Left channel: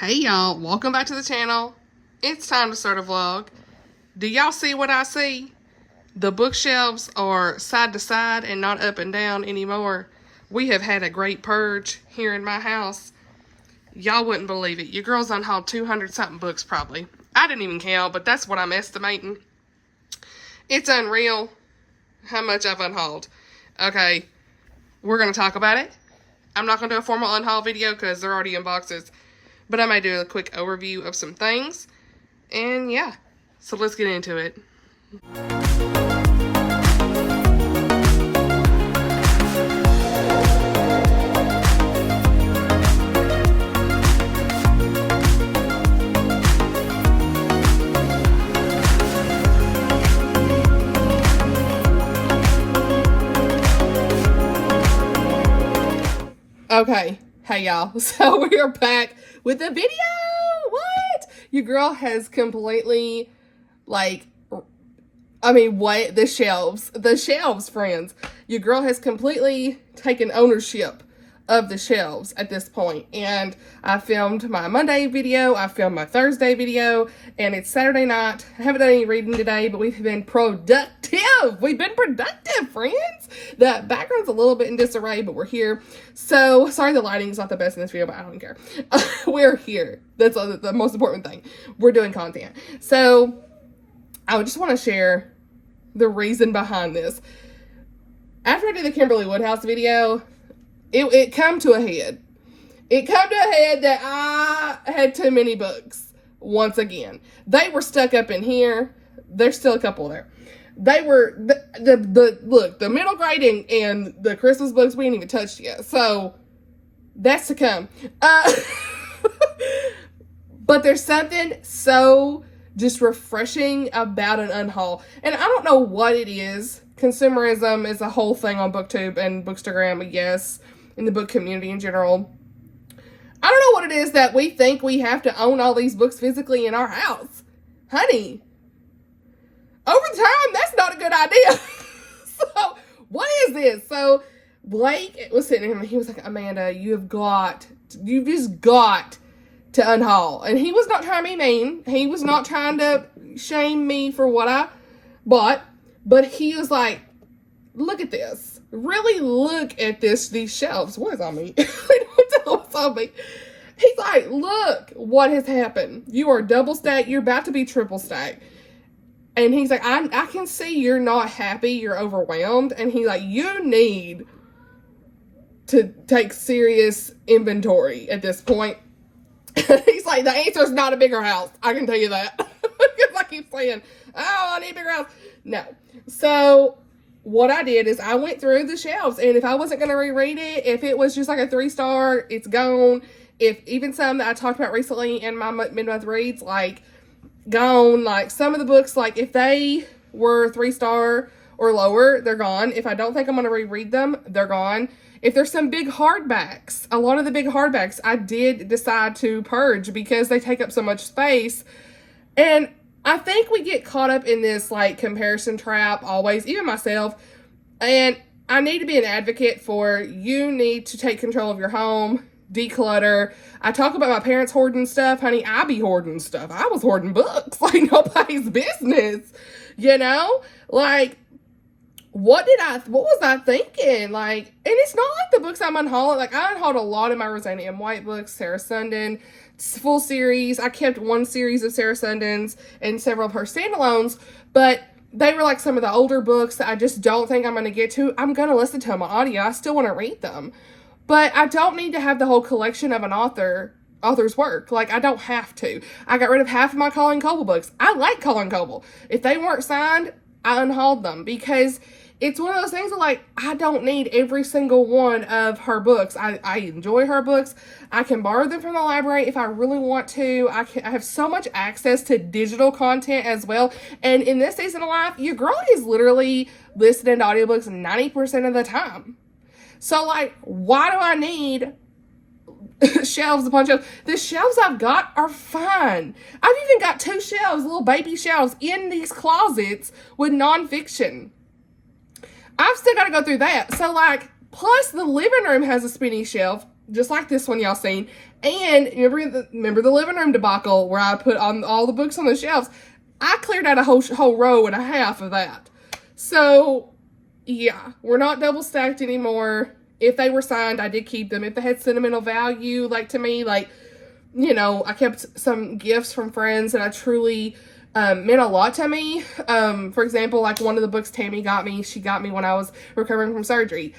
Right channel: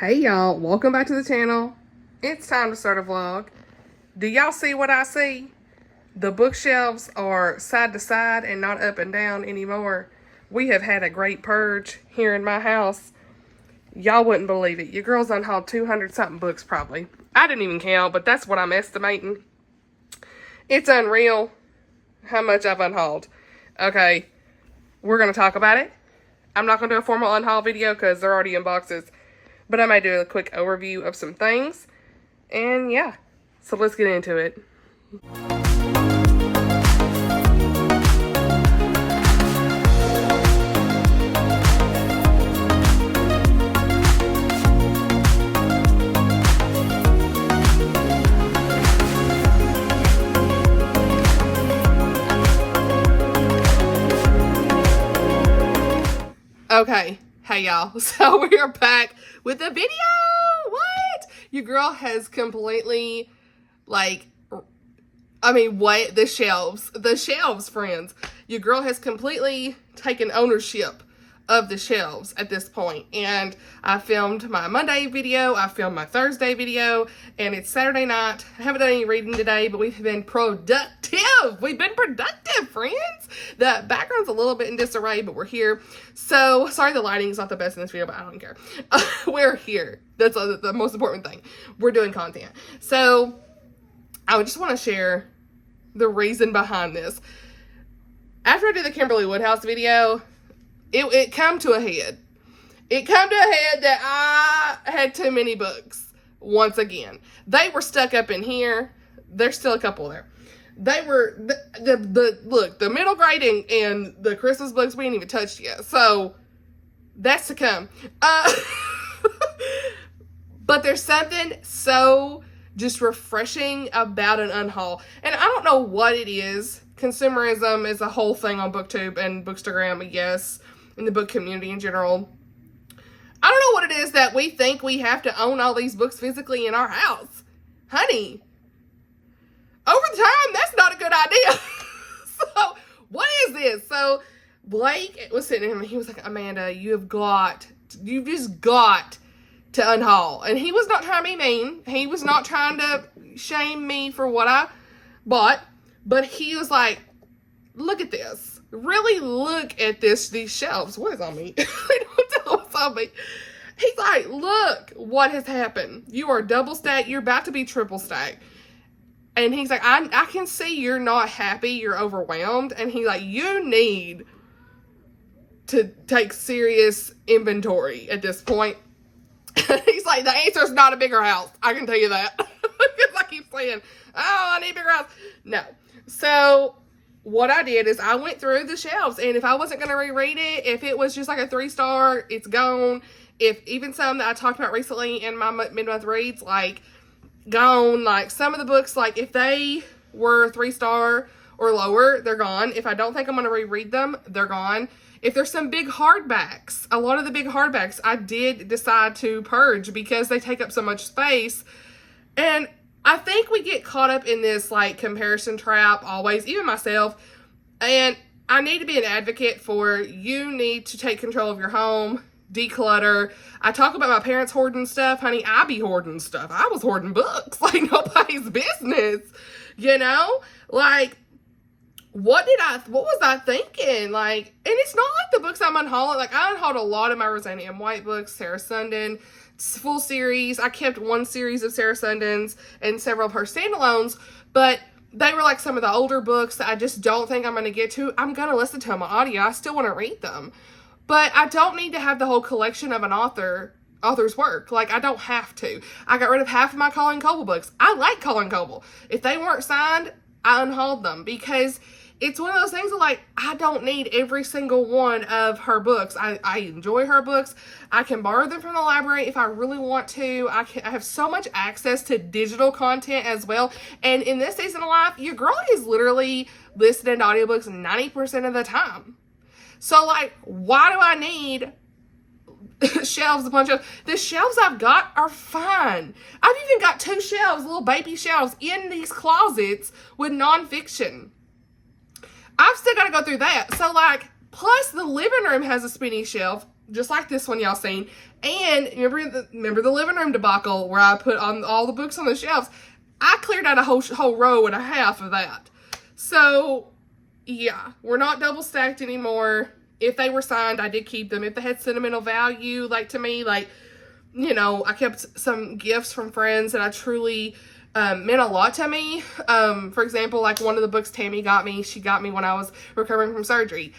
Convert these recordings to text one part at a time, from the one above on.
Hey y'all, welcome back to the channel. It's time to start a vlog. Do y'all see what I see? The bookshelves are side to side and not up and down anymore. We have had a great purge here in my house. Y'all wouldn't believe it. Your girl's unhauled 200 something books probably. I didn't even count, but that's what I'm estimating. It's unreal how much I've unhauled. Okay, we're going to talk about it. I'm not going to do a formal unhaul video because they're already in boxes. But I might do a quick overview of some things. And yeah, so let's get into it. Okay, hey y'all, so we are back with a video. What? Your girl has completely, what? The shelves, friends. Your girl has completely taken ownership of the shelves at this point. And I filmed my Monday video, I filmed my Thursday video, and it's Saturday night. I haven't done any reading today, but we've been productive. We've been productive, friends. The background's a little bit in disarray, but we're here. So, sorry the lighting's not the best in this video, but I don't care. We're here. That's the most important thing. We're doing content. So, I just want to share the reason behind this. After I did the Kimberly Woodhouse video, it come to a head. It come to a head that I had too many books. Once again, they were stuck up in here. There's still a couple there. They were the middle grade and the Christmas books we ain't even touched yet. So that's to come. But there's something so just refreshing about an unhaul, and I don't know what it is. Consumerism is a whole thing on BookTube and Bookstagram, yes, in the book community in general. I don't know what it is that we think we have to own all these books physically in our house. Honey, over time, that's not a good idea. So, what is this? So, Blake was sitting here and he was like, Amanda, you've just got to unhaul. And he was not trying to be mean. He was not trying to shame me for what I bought. But he was like, look at this. Really look at these shelves. What is on me? I don't know what's on me. He's like, look what has happened. You are double stacked. You're about to be triple stacked. And he's like, I can see you're not happy. You're overwhelmed. And he's like, you need to take serious inventory at this point. He's like, the answer is not a bigger house. I can tell you that. Because I keep saying, oh, I need a bigger house. No. So what I did is I went through the shelves, and if I wasn't going to reread it, if it was just like a 3-star, it's gone. If even some that I talked about recently in my mid-month reads, like, gone. Like, some of the books, like, if they were 3-star or lower, they're gone. If I don't think I'm going to reread them, they're gone. If there's some big hardbacks, a lot of the big hardbacks, I did decide to purge because they take up so much space. And I think we get caught up in this, like, comparison trap always, even myself. And I need to be an advocate for you need to take control of your home, declutter. I talk about my parents hoarding stuff. Honey, I be hoarding stuff. I was hoarding books like nobody's business, you know? Like, what was I thinking? Like, and it's not like the books I'm unhauling. Like, I unhauled a lot of my Rosanna M. White books, Sarah Sundin, full series. I kept one series of Sarah Sundin's and several of her standalones, but they were like some of the older books that I just don't think I'm going to get to. I'm going to listen to them on audio. I still want to read them, but I don't need to have the whole collection of an author's work. Like, I don't have to. I got rid of half of my Colleen Coble books. I like Colleen Coble. If they weren't signed, I unhauled them because it's one of those things that, like, I don't need every single one of her books. I enjoy her books. I can borrow them from the library if I really want to. I have so much access to digital content as well. And in this season of life, your girl is literally listening to audiobooks 90% of the time. So, like, why do I need shelves, a bunch of the shelves I've got are fine. I've even got 2 shelves, little baby shelves in these closets with nonfiction. I've still got to go through that. So, like, plus the living room has a spinny shelf. just like this one y'all seen. And remember the living room debacle where I put on all the books on the shelves? I cleared out a whole row and a half of that. So yeah, we're not double stacked anymore. If they were signed, I did keep them. If they had sentimental value, like to me, like, you know, I kept some gifts from friends that I truly meant a lot to me. For example, like one of the books Tammy got me, she got me when I was recovering from surgery.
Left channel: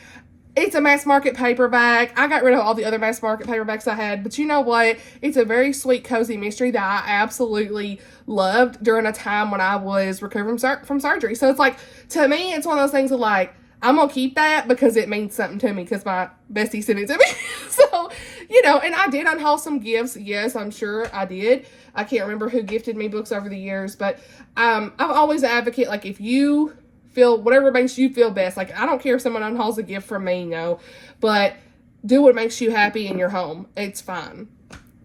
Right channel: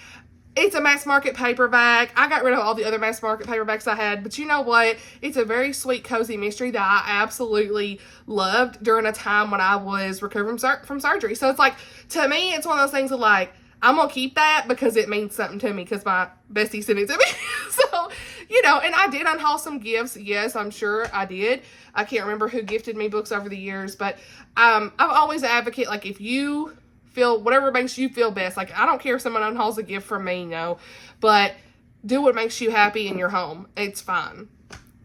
It's a mass market paperback. I got rid of all the other mass market paperbacks I had, but you know what? It's a very sweet, cozy mystery that I absolutely loved during a time when I was recovering from surgery. So it's like, to me, it's one of those things of like, I'm going to keep that because it means something to me because my bestie sent it to me. So, you know, and I did unhaul some gifts. Yes, I'm sure I did. I can't remember who gifted me books over the years, but I'm always an advocate. Like, if you feel whatever makes you feel best, like, I don't care if someone unhauls a gift from me, no, but do what makes you happy in your home. It's fine.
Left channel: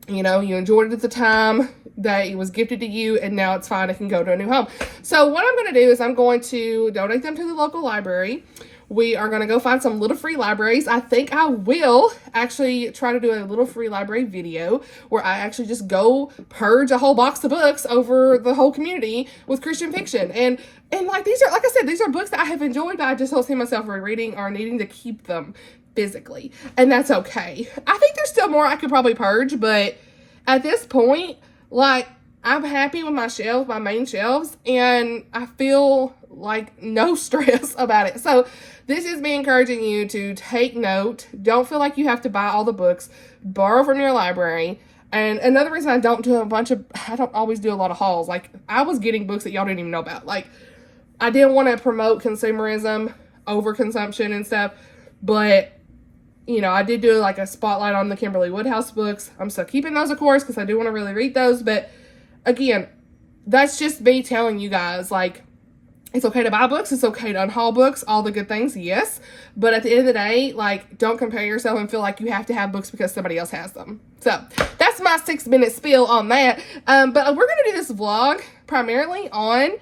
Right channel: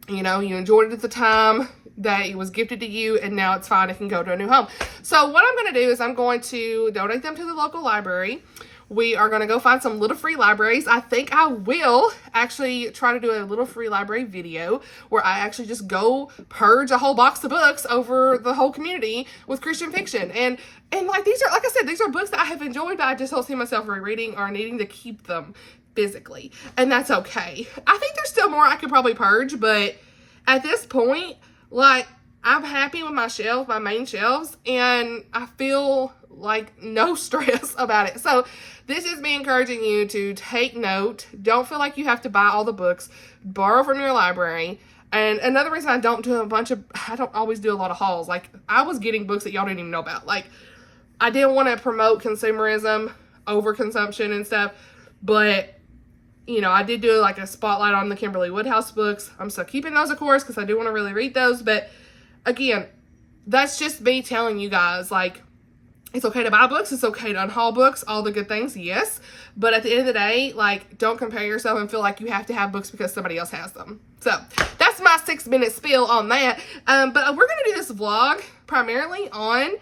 You know, you enjoyed it at the time that it was gifted to you, and now it's fine. It can go to a new home. So what I'm going to do is I'm going to donate them to the local library. We are going to go find some little free libraries. I think I will actually try to do a little free library video where I actually just go purge a whole box of books over the whole community with Christian fiction. And like, these are, like I said, these are books that I have enjoyed, but I just don't see myself rereading or needing to keep them physically. And that's okay. I think there's still more I could probably purge, but at this point, like, I'm happy with my shelves, my main shelves, and I feel like no stress about it. So this is me encouraging you to take note. Don't feel like you have to buy all the books. Borrow from your library. And another reason I don't always do a lot of hauls. Like, I was getting books that y'all didn't even know about. Like, I didn't want to promote consumerism, overconsumption and stuff, but you know, I did do like a spotlight on the Kimberly Woodhouse books. I'm still keeping those, of course, because I do want to really read those. But again, that's just me telling you guys, like, it's okay to buy books. It's okay to unhaul books. All the good things, yes. But at the end of the day, like, don't compare yourself and feel like you have to have books because somebody else has them. So that's my 6-minute spiel on that. But we're going to do this vlog primarily on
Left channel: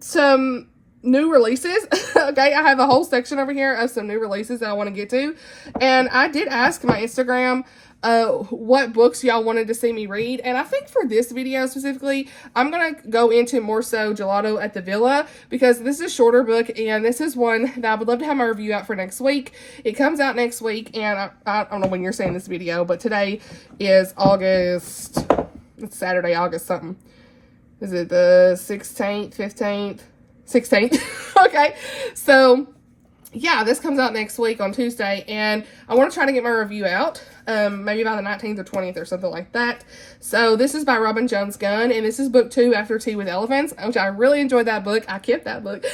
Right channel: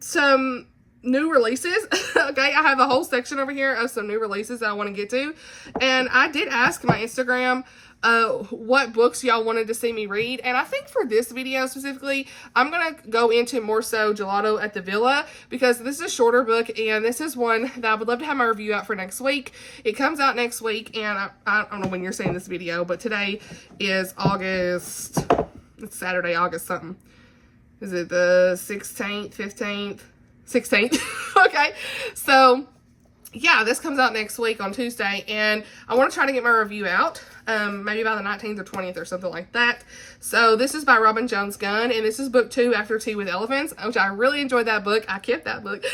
some new releases. Okay, I have a whole section over here of some new releases that I want to get to, and I did ask my Instagram what books y'all wanted to see me read, and I think for this video specifically, I'm gonna go into more so Gelato at the Villa, because this is a shorter book, and this is one that I would love to have my review out for next week. It comes out next week, and I don't know when you're seeing this video, but today is August, it's Saturday, August something. Is it the 16th, 15th? 16th. Okay, so yeah, this comes out next week on Tuesday, and I want to try to get my review out maybe by the 19th or 20th or something like that. So this is by Robin Jones Gunn, and this is book 2, After Tea with Elephants, which I really enjoyed that book. I kept that book.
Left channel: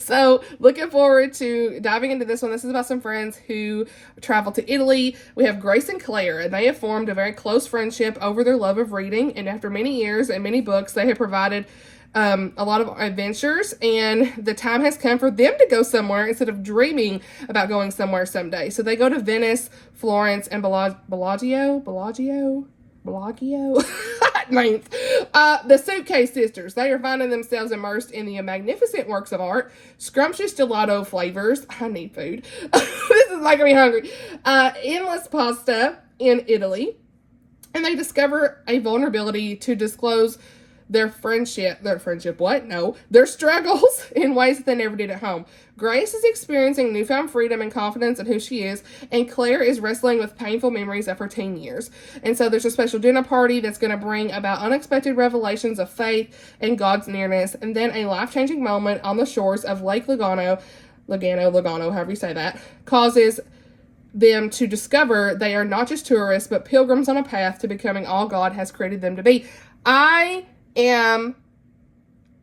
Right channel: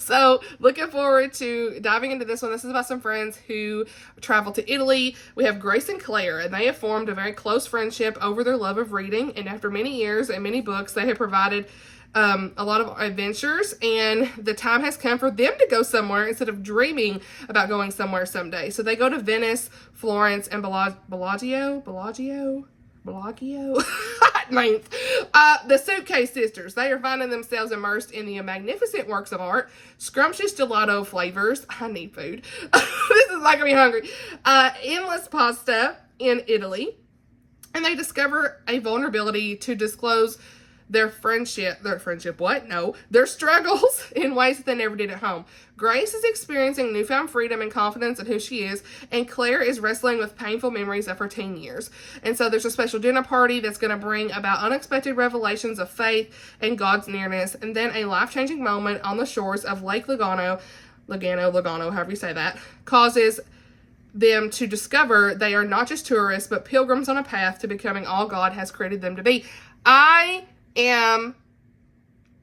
So looking forward to diving into this one. This is about some friends who travel to Italy. We have Grace and Claire, and they have formed a very close friendship over their love of reading, and after many years and many books, they have provided a lot of adventures, and the time has come for them to go somewhere instead of dreaming about going somewhere someday. So they go to Venice, Florence, and Bellagio. Ninth. The Suitcase Sisters. They are finding themselves immersed in the magnificent works of art, scrumptious gelato flavors. I need food. This is making me hungry. Endless pasta in Italy. And they discover a vulnerability to disclose their struggles in ways that they never did at home. Grace is experiencing newfound freedom and confidence in who she is, and Claire is wrestling with painful memories of her teen years. And so there's a special dinner party that's going to bring about unexpected revelations of faith and God's nearness, and then a life-changing moment on the shores of Lake Lugano, however you say that, causes them to discover they are not just tourists, but pilgrims on a path to becoming all God has created them to be. I am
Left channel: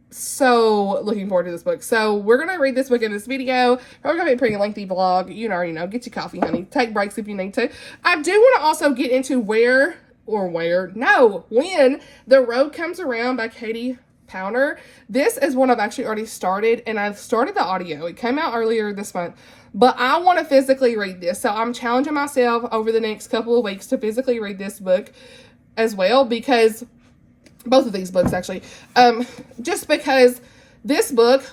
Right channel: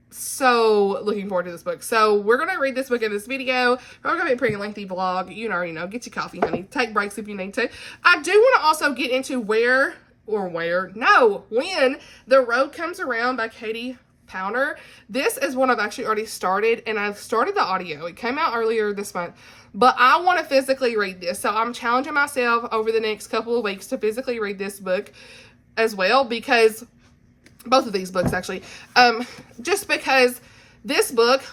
so looking forward to this book. So we're going to read this book in this video. Probably going to be a pretty lengthy vlog. You already know. Get your coffee, honey. Take breaks if you need to. I do want to also get into when The Road Comes Around by Katie Powner. This is one I've actually already started, and I've started the audio. It came out earlier this month, but I want to physically read this. So I'm challenging myself over the next couple of weeks to physically read this book as well, because both of these books actually, just because this book,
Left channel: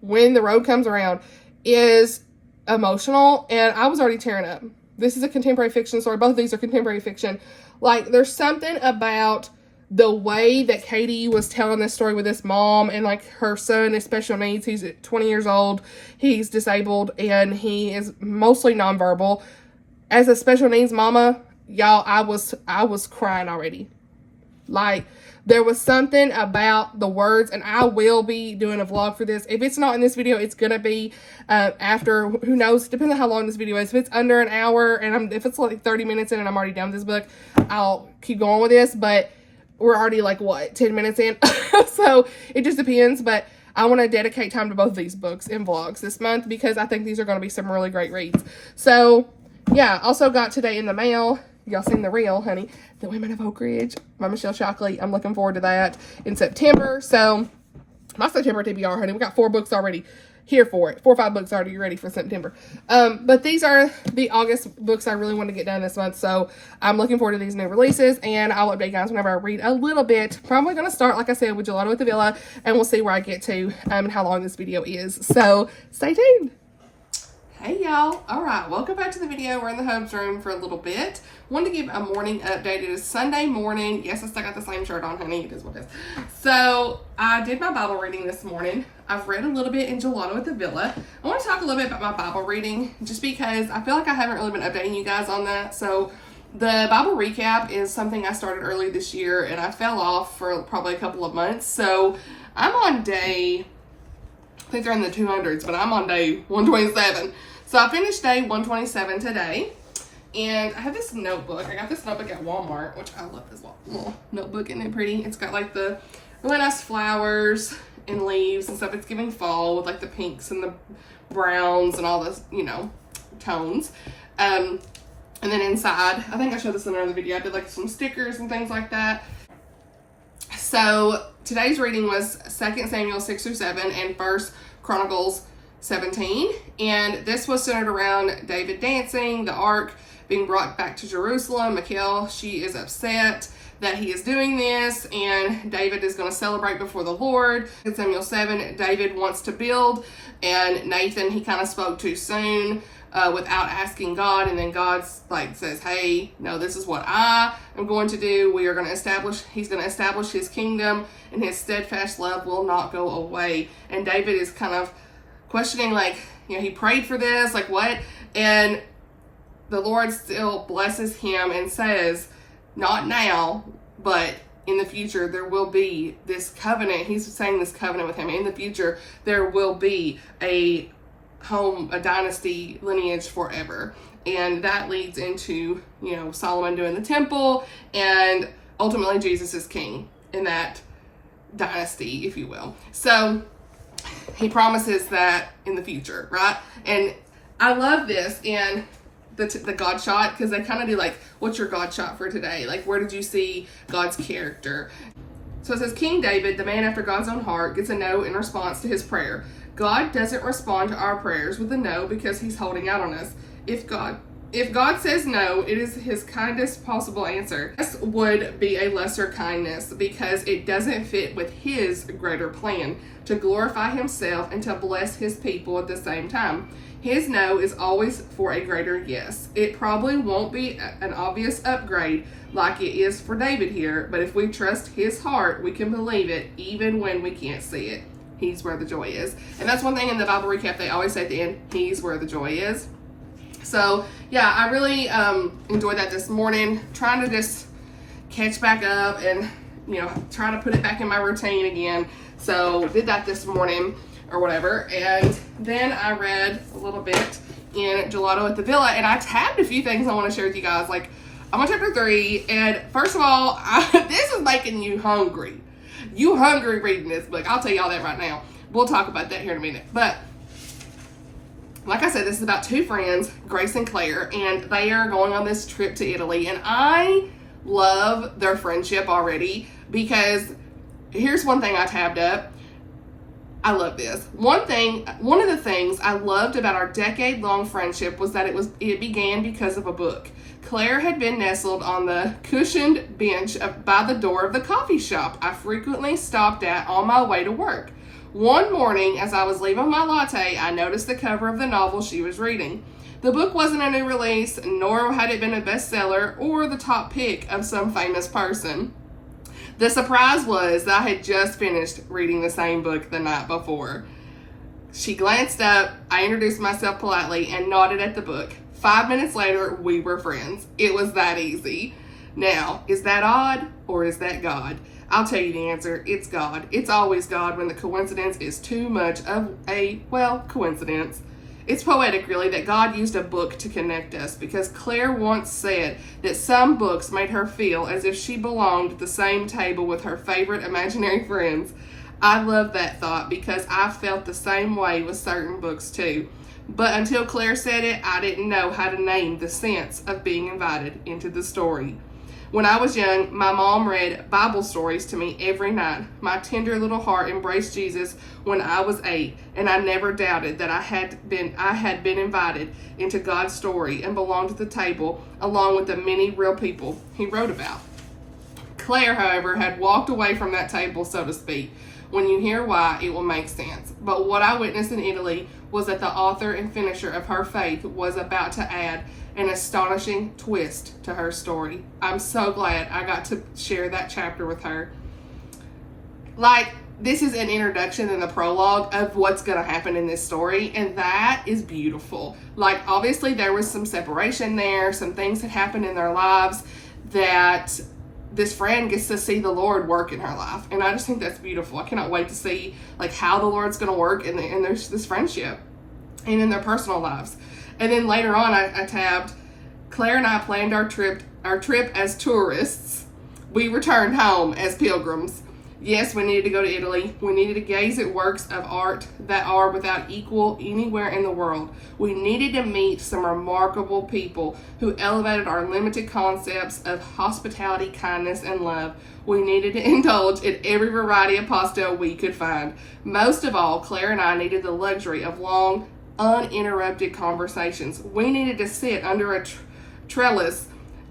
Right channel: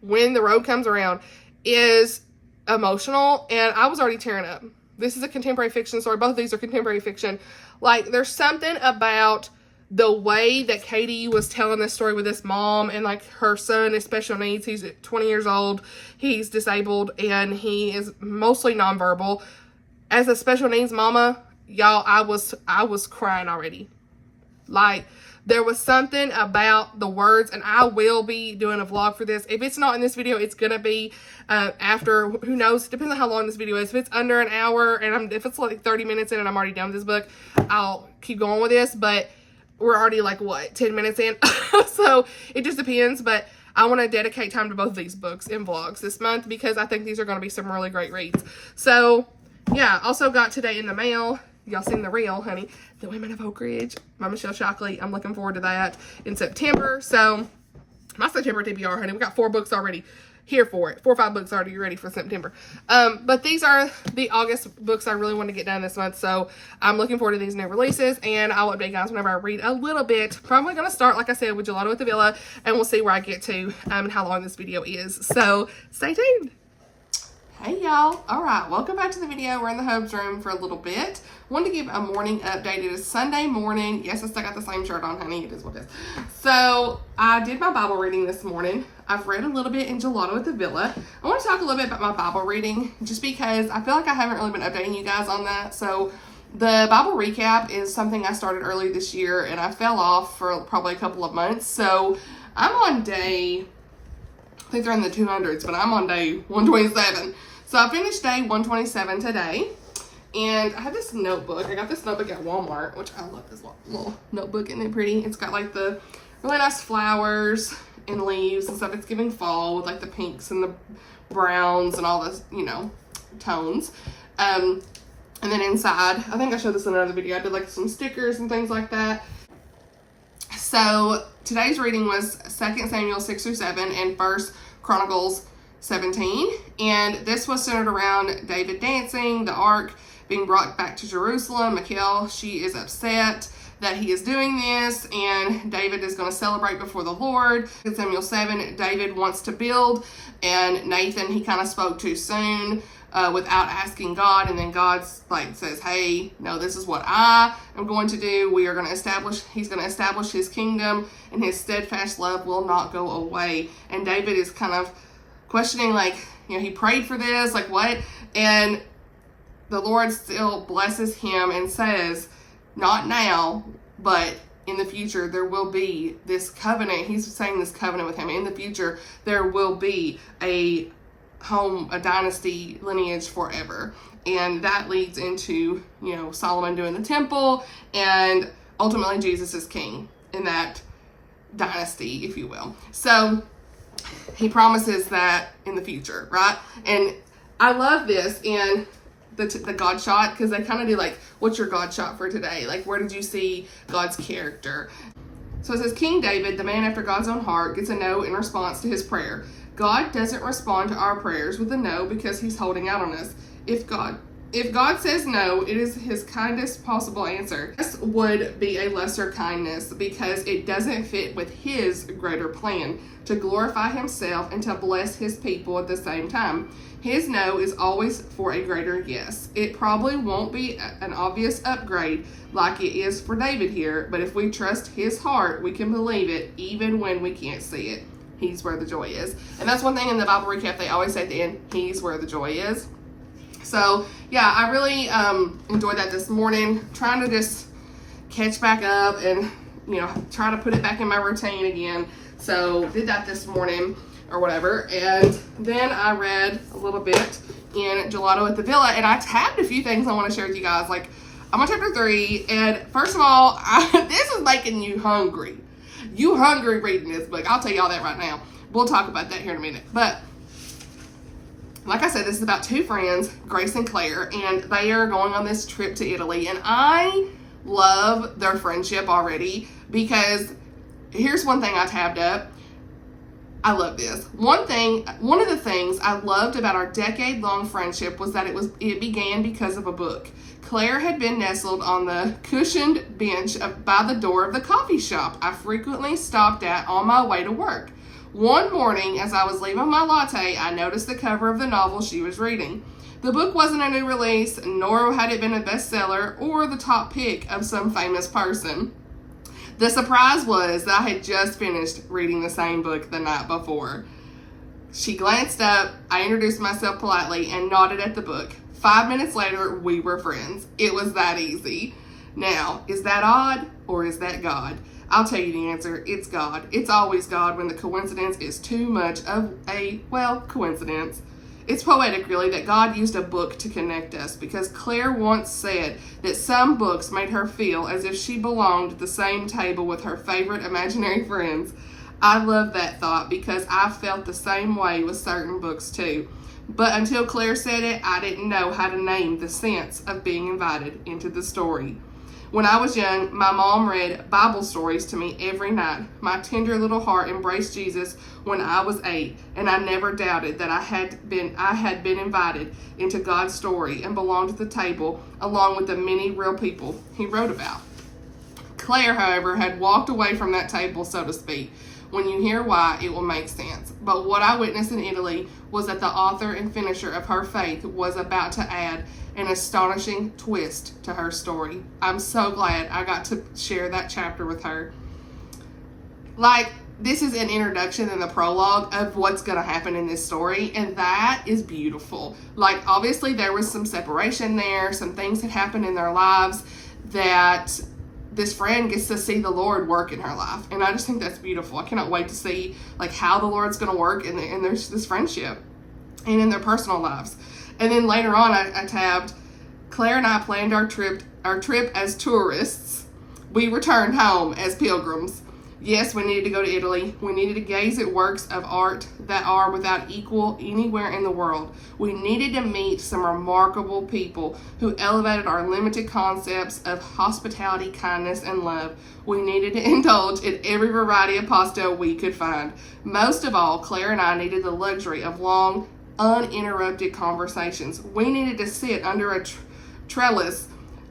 When the Road Comes Around, is emotional, and I was already tearing up. This is a contemporary fiction story. Both of these are contemporary fiction. Like, there's something about the way that Katie was telling this story with this mom, and like her son is special needs. He's 20 years old. He's disabled, and he is mostly nonverbal. As a special needs mama, y'all, I was crying already. Like, there was something about the words, and I will be doing a vlog for this. If it's not in this video, it's gonna be after, who knows, depends on how long this video is. If it's under an hour, and if it's like 30 minutes in and I'm already done with this book, I'll keep going with this, but we're already like, what, 10 minutes in? So it just depends, but I want to dedicate time to both of these books in vlogs this month because I think these are going to be some really great reads. So yeah, also got today in the mail, y'all seen the reel, honey, The Women of Oak Ridge by Michelle Shockley. I'm looking forward to that in September. So my September TBR, honey, we got 4 books already here for it. 4 or 5 books already ready for September. But these are the August books I really want to get done this month. So I'm looking forward to these new releases, and I'll update you guys whenever I read a little bit. Probably going to start, like I said, with Gelato at the Villa, and we'll see where I get to and how long this video is. So stay tuned. Hey y'all. All right, welcome back to the video. We're in the Hope's room for a little bit. Wanted to give a morning update. It is Sunday morning. Yes, I still got the same shirt on, honey. It is what it is. So I did my Bible reading this morning. I've read a little bit in Gelato at the Villa. I want to talk a little bit about my Bible reading just because I feel like I haven't really been updating you guys on that. So the Bible recap is something I started early this year, and I fell off for probably a couple of months. So I'm on day, I think they're in the 200s, but I'm on day 127. So I finished day 127 today. And I have this notebook. I got this notebook at Walmart, which I love this little notebook. Isn't it pretty? It's got like the really nice flowers and leaves and stuff. It's giving fall with like the pinks and the browns and all this, you know, tones. And then inside, I think I showed this in another video, I did like some stickers and things like that. So today's reading was 2 Samuel 6-7 and 1 Chronicles 17. And this was centered around David dancing, the ark being brought back to Jerusalem. Michal, she is upset that he is doing this, and David is going to celebrate before the Lord. In Samuel 7, David wants to build, and Nathan, he kind of spoke too soon without asking God, and then God like says, hey, no, this is what I am going to do. We are going to establish, he's going to establish his kingdom, and his steadfast love will not go away. And David is kind of questioning, like, you know, he prayed for this, like what? And the Lord still blesses him and says, not now, but in the future, there will be this covenant. He's saying this covenant with him. In the future, there will be a home, a dynasty lineage forever. And that leads into, you know, Solomon doing the temple, and ultimately Jesus is king in that dynasty, if you will. So he promises that in the future, right? And I love this in the God shot, because they kind of do like, what's your God shot for today? Like, where did you see God's character? So it says, King David, the man after God's own heart, gets a no in response to his prayer. God doesn't respond to our prayers with a no because he's holding out on us. If God says no, it is his kindest possible answer. This would be a lesser kindness because it doesn't fit with his greater plan to glorify himself and to bless his people at the same time. His no is always for a greater yes. It probably won't be an obvious upgrade like it is for David here, but if we trust his heart, we can believe it even when we can't see it. He's where the joy is. And that's one thing in the Bible recap they always say at the end, he's where the joy is. So yeah, I really enjoyed that this morning, trying to just catch back up and, you know, try to put it back in my routine again. So did that this morning or whatever. And then I read a little bit in Gelato at the Villa, and I tabbed a few things I want to share with you guys. Like, I'm on chapter 3, and first of all, this is making you hungry. You hungry reading this book. I'll tell y'all that right now. We'll talk about that here in a minute. But like I said, this is about 2 friends, Grace and Claire, and they are going on this trip to Italy. And I love their friendship already, because here's one thing I tabbed up. I love this. One of the things I loved about our decade-long friendship was that it began because of a book. Claire had been nestled on the cushioned bench by the door of the coffee shop I frequently stopped at on my way to work. One morning, as I was leaving my latte, I noticed the cover of the novel she was reading. The book wasn't a new release, nor had it been a bestseller or the top pick of some famous person. The surprise was that I had just finished reading the same book the night before. She glanced up, I introduced myself politely, and nodded at the book. 5 minutes later, we were friends. It was that easy. Now, is that odd or is that God? I'll tell you the answer. It's God. It's always God when the coincidence is too much of a, well, coincidence. It's poetic, really, that God used a book to connect us, because Claire once said that some books made her feel as if she belonged at the same table with her favorite imaginary friends. I love that thought because I felt the same way with certain books too. But until Claire said it, I didn't know how to name the sense of being invited into the story. When I was young, my mom read Bible stories to me every night. My tender little heart embraced Jesus when I was 8, and I never doubted that I had been invited into God's story and belonged at the table along with the many real people he wrote about. Claire, however, had walked away from that table, so to speak. When you hear why, it will make sense. But what I witnessed in Italy was that the author and finisher of her faith was about to add an astonishing twist to her story. I'm so glad I got to share that chapter with her. Like, this is an introduction and the prologue of what's going to happen in this story, and that is beautiful. Like, obviously there was some separation there, some things that happened in their lives that this friend gets to see the Lord work in her life, and I just think that's beautiful. I cannot wait to see like how the Lord's going to work in there's this friendship and in their personal lives. And then later on, I tabbed, Claire and I planned our trip as tourists. We returned home as pilgrims. Yes, we needed to go to Italy. We needed to gaze at works of art that are without equal anywhere in the world. We needed to meet some remarkable people who elevated our limited concepts of hospitality, kindness, and love. We needed to indulge in every variety of pasta we could find. Most of all, Claire and I needed the luxury of long, uninterrupted conversations. We needed to sit under a trellis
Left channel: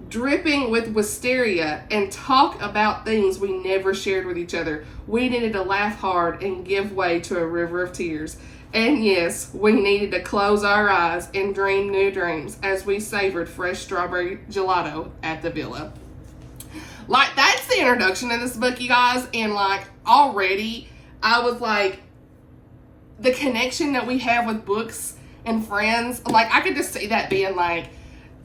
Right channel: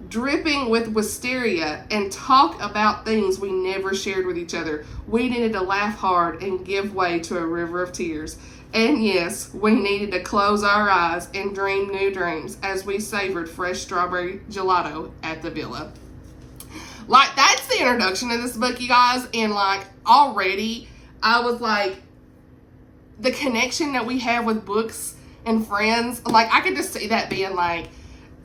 dripping with wisteria and talk about things we never shared with each other. We needed to laugh hard and give way to a river of tears. And yes, we needed to close our eyes and dream new dreams as we savored fresh strawberry gelato at the villa. Like, that's the introduction to this book, you guys, and like already I was like, the connection that we have with books and friends, like I could just see that being like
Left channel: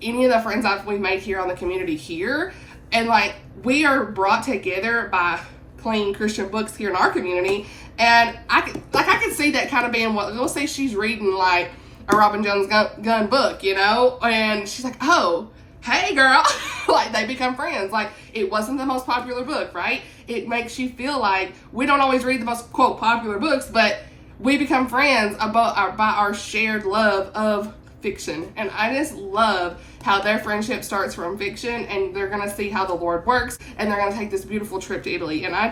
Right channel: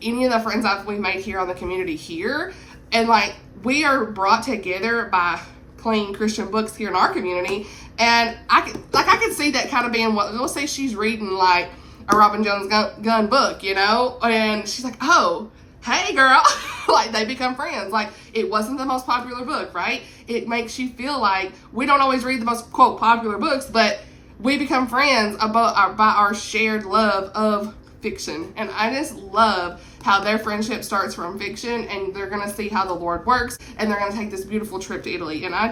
any of the friends we've made here on the community here, and like we are brought together by clean Christian books here in our community, and I could see that kind of being what, let's say she's reading like a Robin Jones gun book, you know, and she's like, oh, hey girl, like they become friends. Like, it wasn't the most popular book, right? It makes you feel like we don't always read the most quote popular books, but we become friends by our shared love of fiction. And I just love how their friendship starts from fiction, and they're going to see how the Lord works, and they're going to take this beautiful trip to Italy. And I'm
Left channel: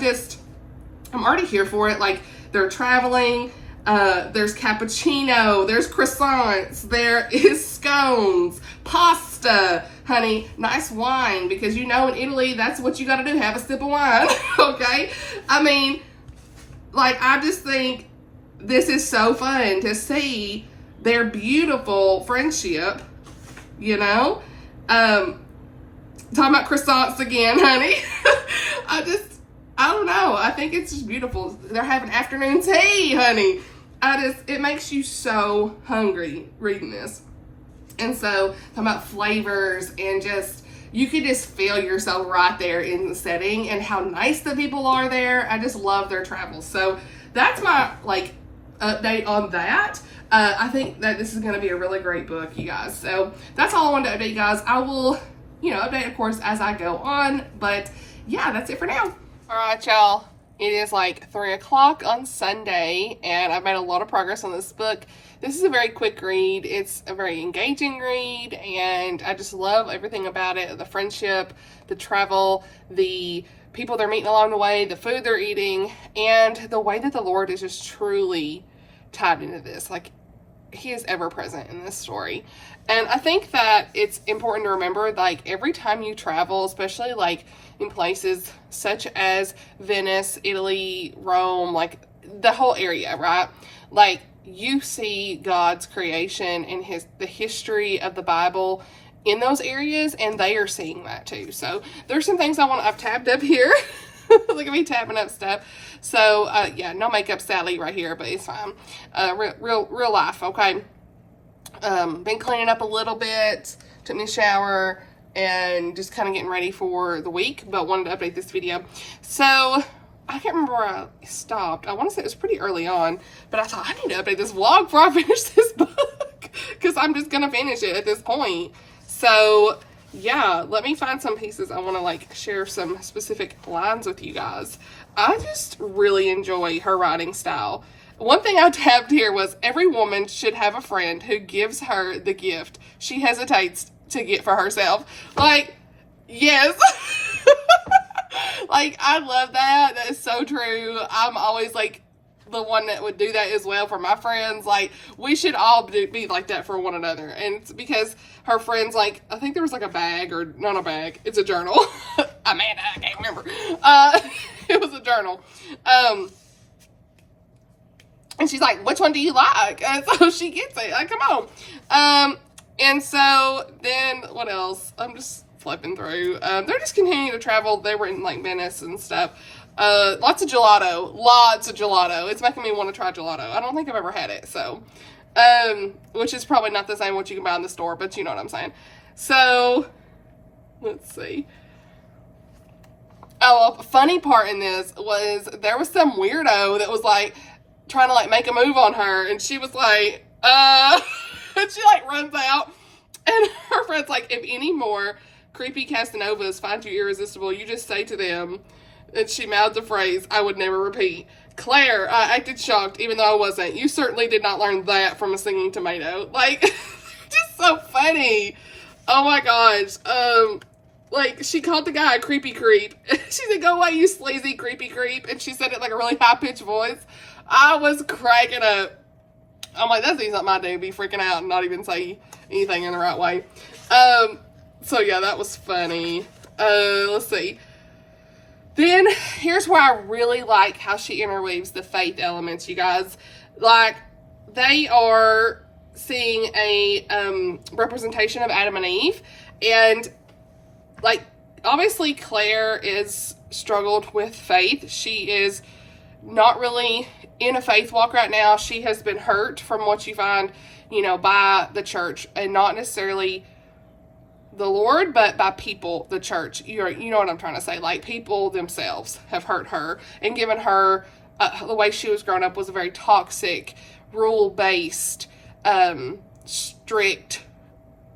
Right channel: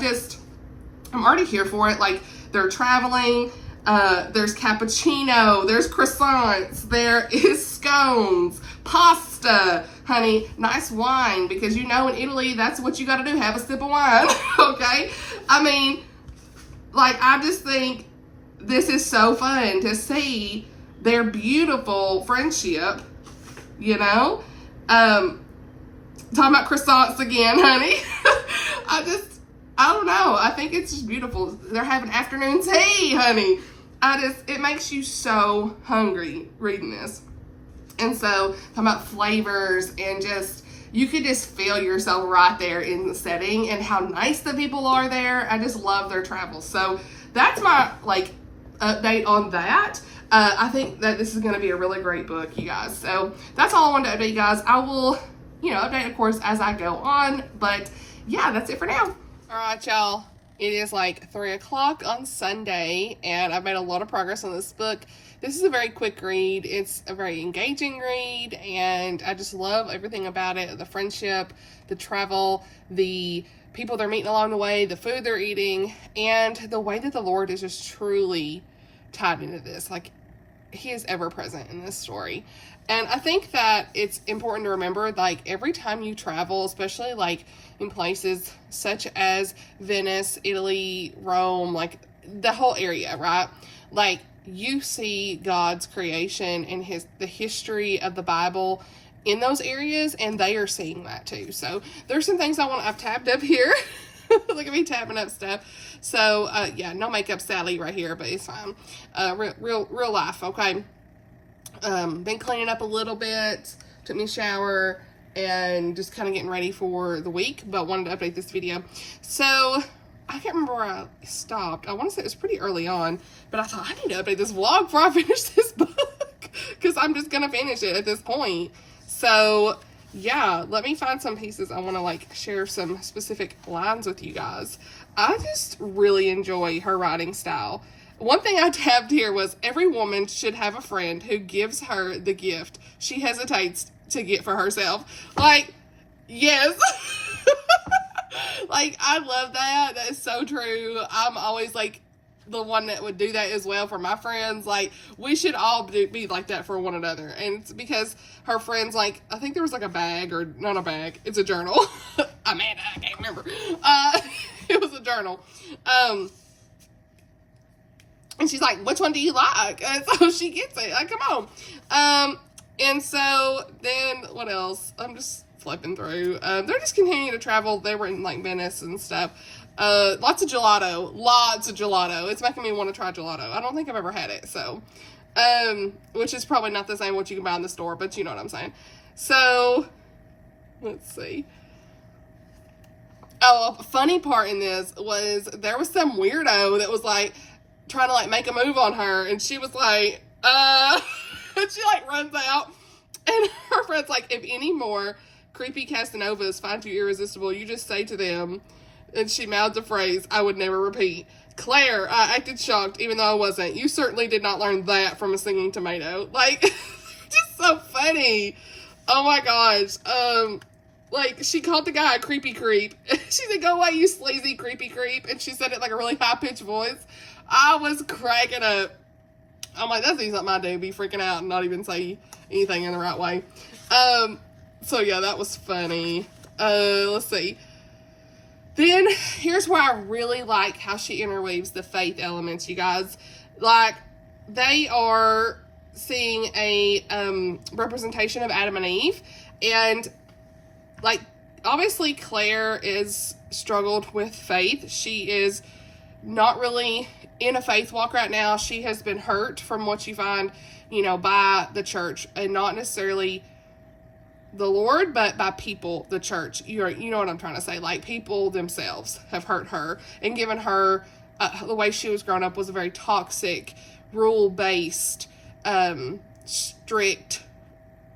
already here for it. Like, they're traveling, there's cappuccino, there's croissants, there is scones, pasta, honey, nice wine, because you know in Italy, that's what you got to do, have a sip of wine, okay? I mean, like, I just think this is so fun to see their beautiful friendship, you know? Talking about croissants again, honey. I don't know. I think it's just beautiful. They're having afternoon tea, honey. It makes you so hungry reading this. And so, talking about flavors and just, you could just feel yourself right there in the setting and how nice the people are there. I just love their travels. So, that's my, like, update on that. I think that this is going to be a really great book, you guys. So that's all I wanted to update you guys. I will, update, of course, as I go on. But yeah, that's it for now. All right, y'all. It is like 3 o'clock on Sunday, and I've made a lot of progress on this book. This is a very quick read. It's a very engaging read, and I just love everything about it. The friendship, the travel, the people they're meeting along the way, the food they're eating, and the way that the Lord is just truly tied into this. Like, he is ever present in this story. And I think that it's important to remember, like, every time you travel, especially like in places such as Venice, Italy, Rome, like the whole area, right? Like, you see God's creation and the history of the Bible in those areas, and they are seeing that too. So there's some things I've tabbed up here. Look at me tapping up stuff. So yeah, no makeup Sally right here, but it's fine. Real life, okay? Been cleaning up a little bit, took me a shower, and just kind of getting ready for the week, but wanted to update this video. So I can't remember where I stopped. I want to say it was pretty early on, but I thought I need to update this vlog before I finish this book, because I'm just going to finish it at this point. So yeah, let me find some pieces. I want to like share some specific lines with you guys. I just really enjoy her writing style. One thing I tabbed here was, every woman should have a friend who gives her the gift she hesitates to get for herself. Like, yes. Like, I love that. That is so true. I'm always like the one that would do that as well for my friends. Like, we should all be like that for one another. And it's because her friends, like, I think there was like a bag, or not a bag, it's a journal. Amanda, I can't remember. It was a journal. And she's like, which one do you like? And so she gets it. Like, come on. And so then what else? I'm just flipping through. They're just continuing to travel. They were in like Venice and stuff. Lots of gelato. Lots of gelato. It's making me want to try gelato. I don't think I've ever had it. So, which is probably not the same what you can buy in the store, but you know what I'm saying. So, let's see. Oh, a funny part in this was there was some weirdo that was like trying to like make a move on her, and she was like, and she like runs out, and her friend's like, if any more creepy Casanovas find you irresistible, you just say to them, and she mouths a phrase I would never repeat. Claire, I acted shocked, even though I wasn't. You certainly did not learn that from a singing tomato. Like, just so funny. Oh my gosh. Like, she called the guy a creepy creep. She said, go away, you sleazy creepy creep. And she said it like a really high-pitched voice. I was cracking up. I'm like, that's something I do, be freaking out and not even say anything in the right way. So yeah, that was funny. Let's see. Then, here's where I really like how she interweaves the faith elements, you guys. Like, they are seeing a representation of Adam and Eve. And, like, obviously Claire is struggled with faith. She is not really in a faith walk right now. She has been hurt from what you find, you know, by the church, and not necessarily the Lord, but by people, the church. You know what I'm trying to say. Like, people themselves have hurt her and given her, the way she was growing up was a very toxic, rule-based, strict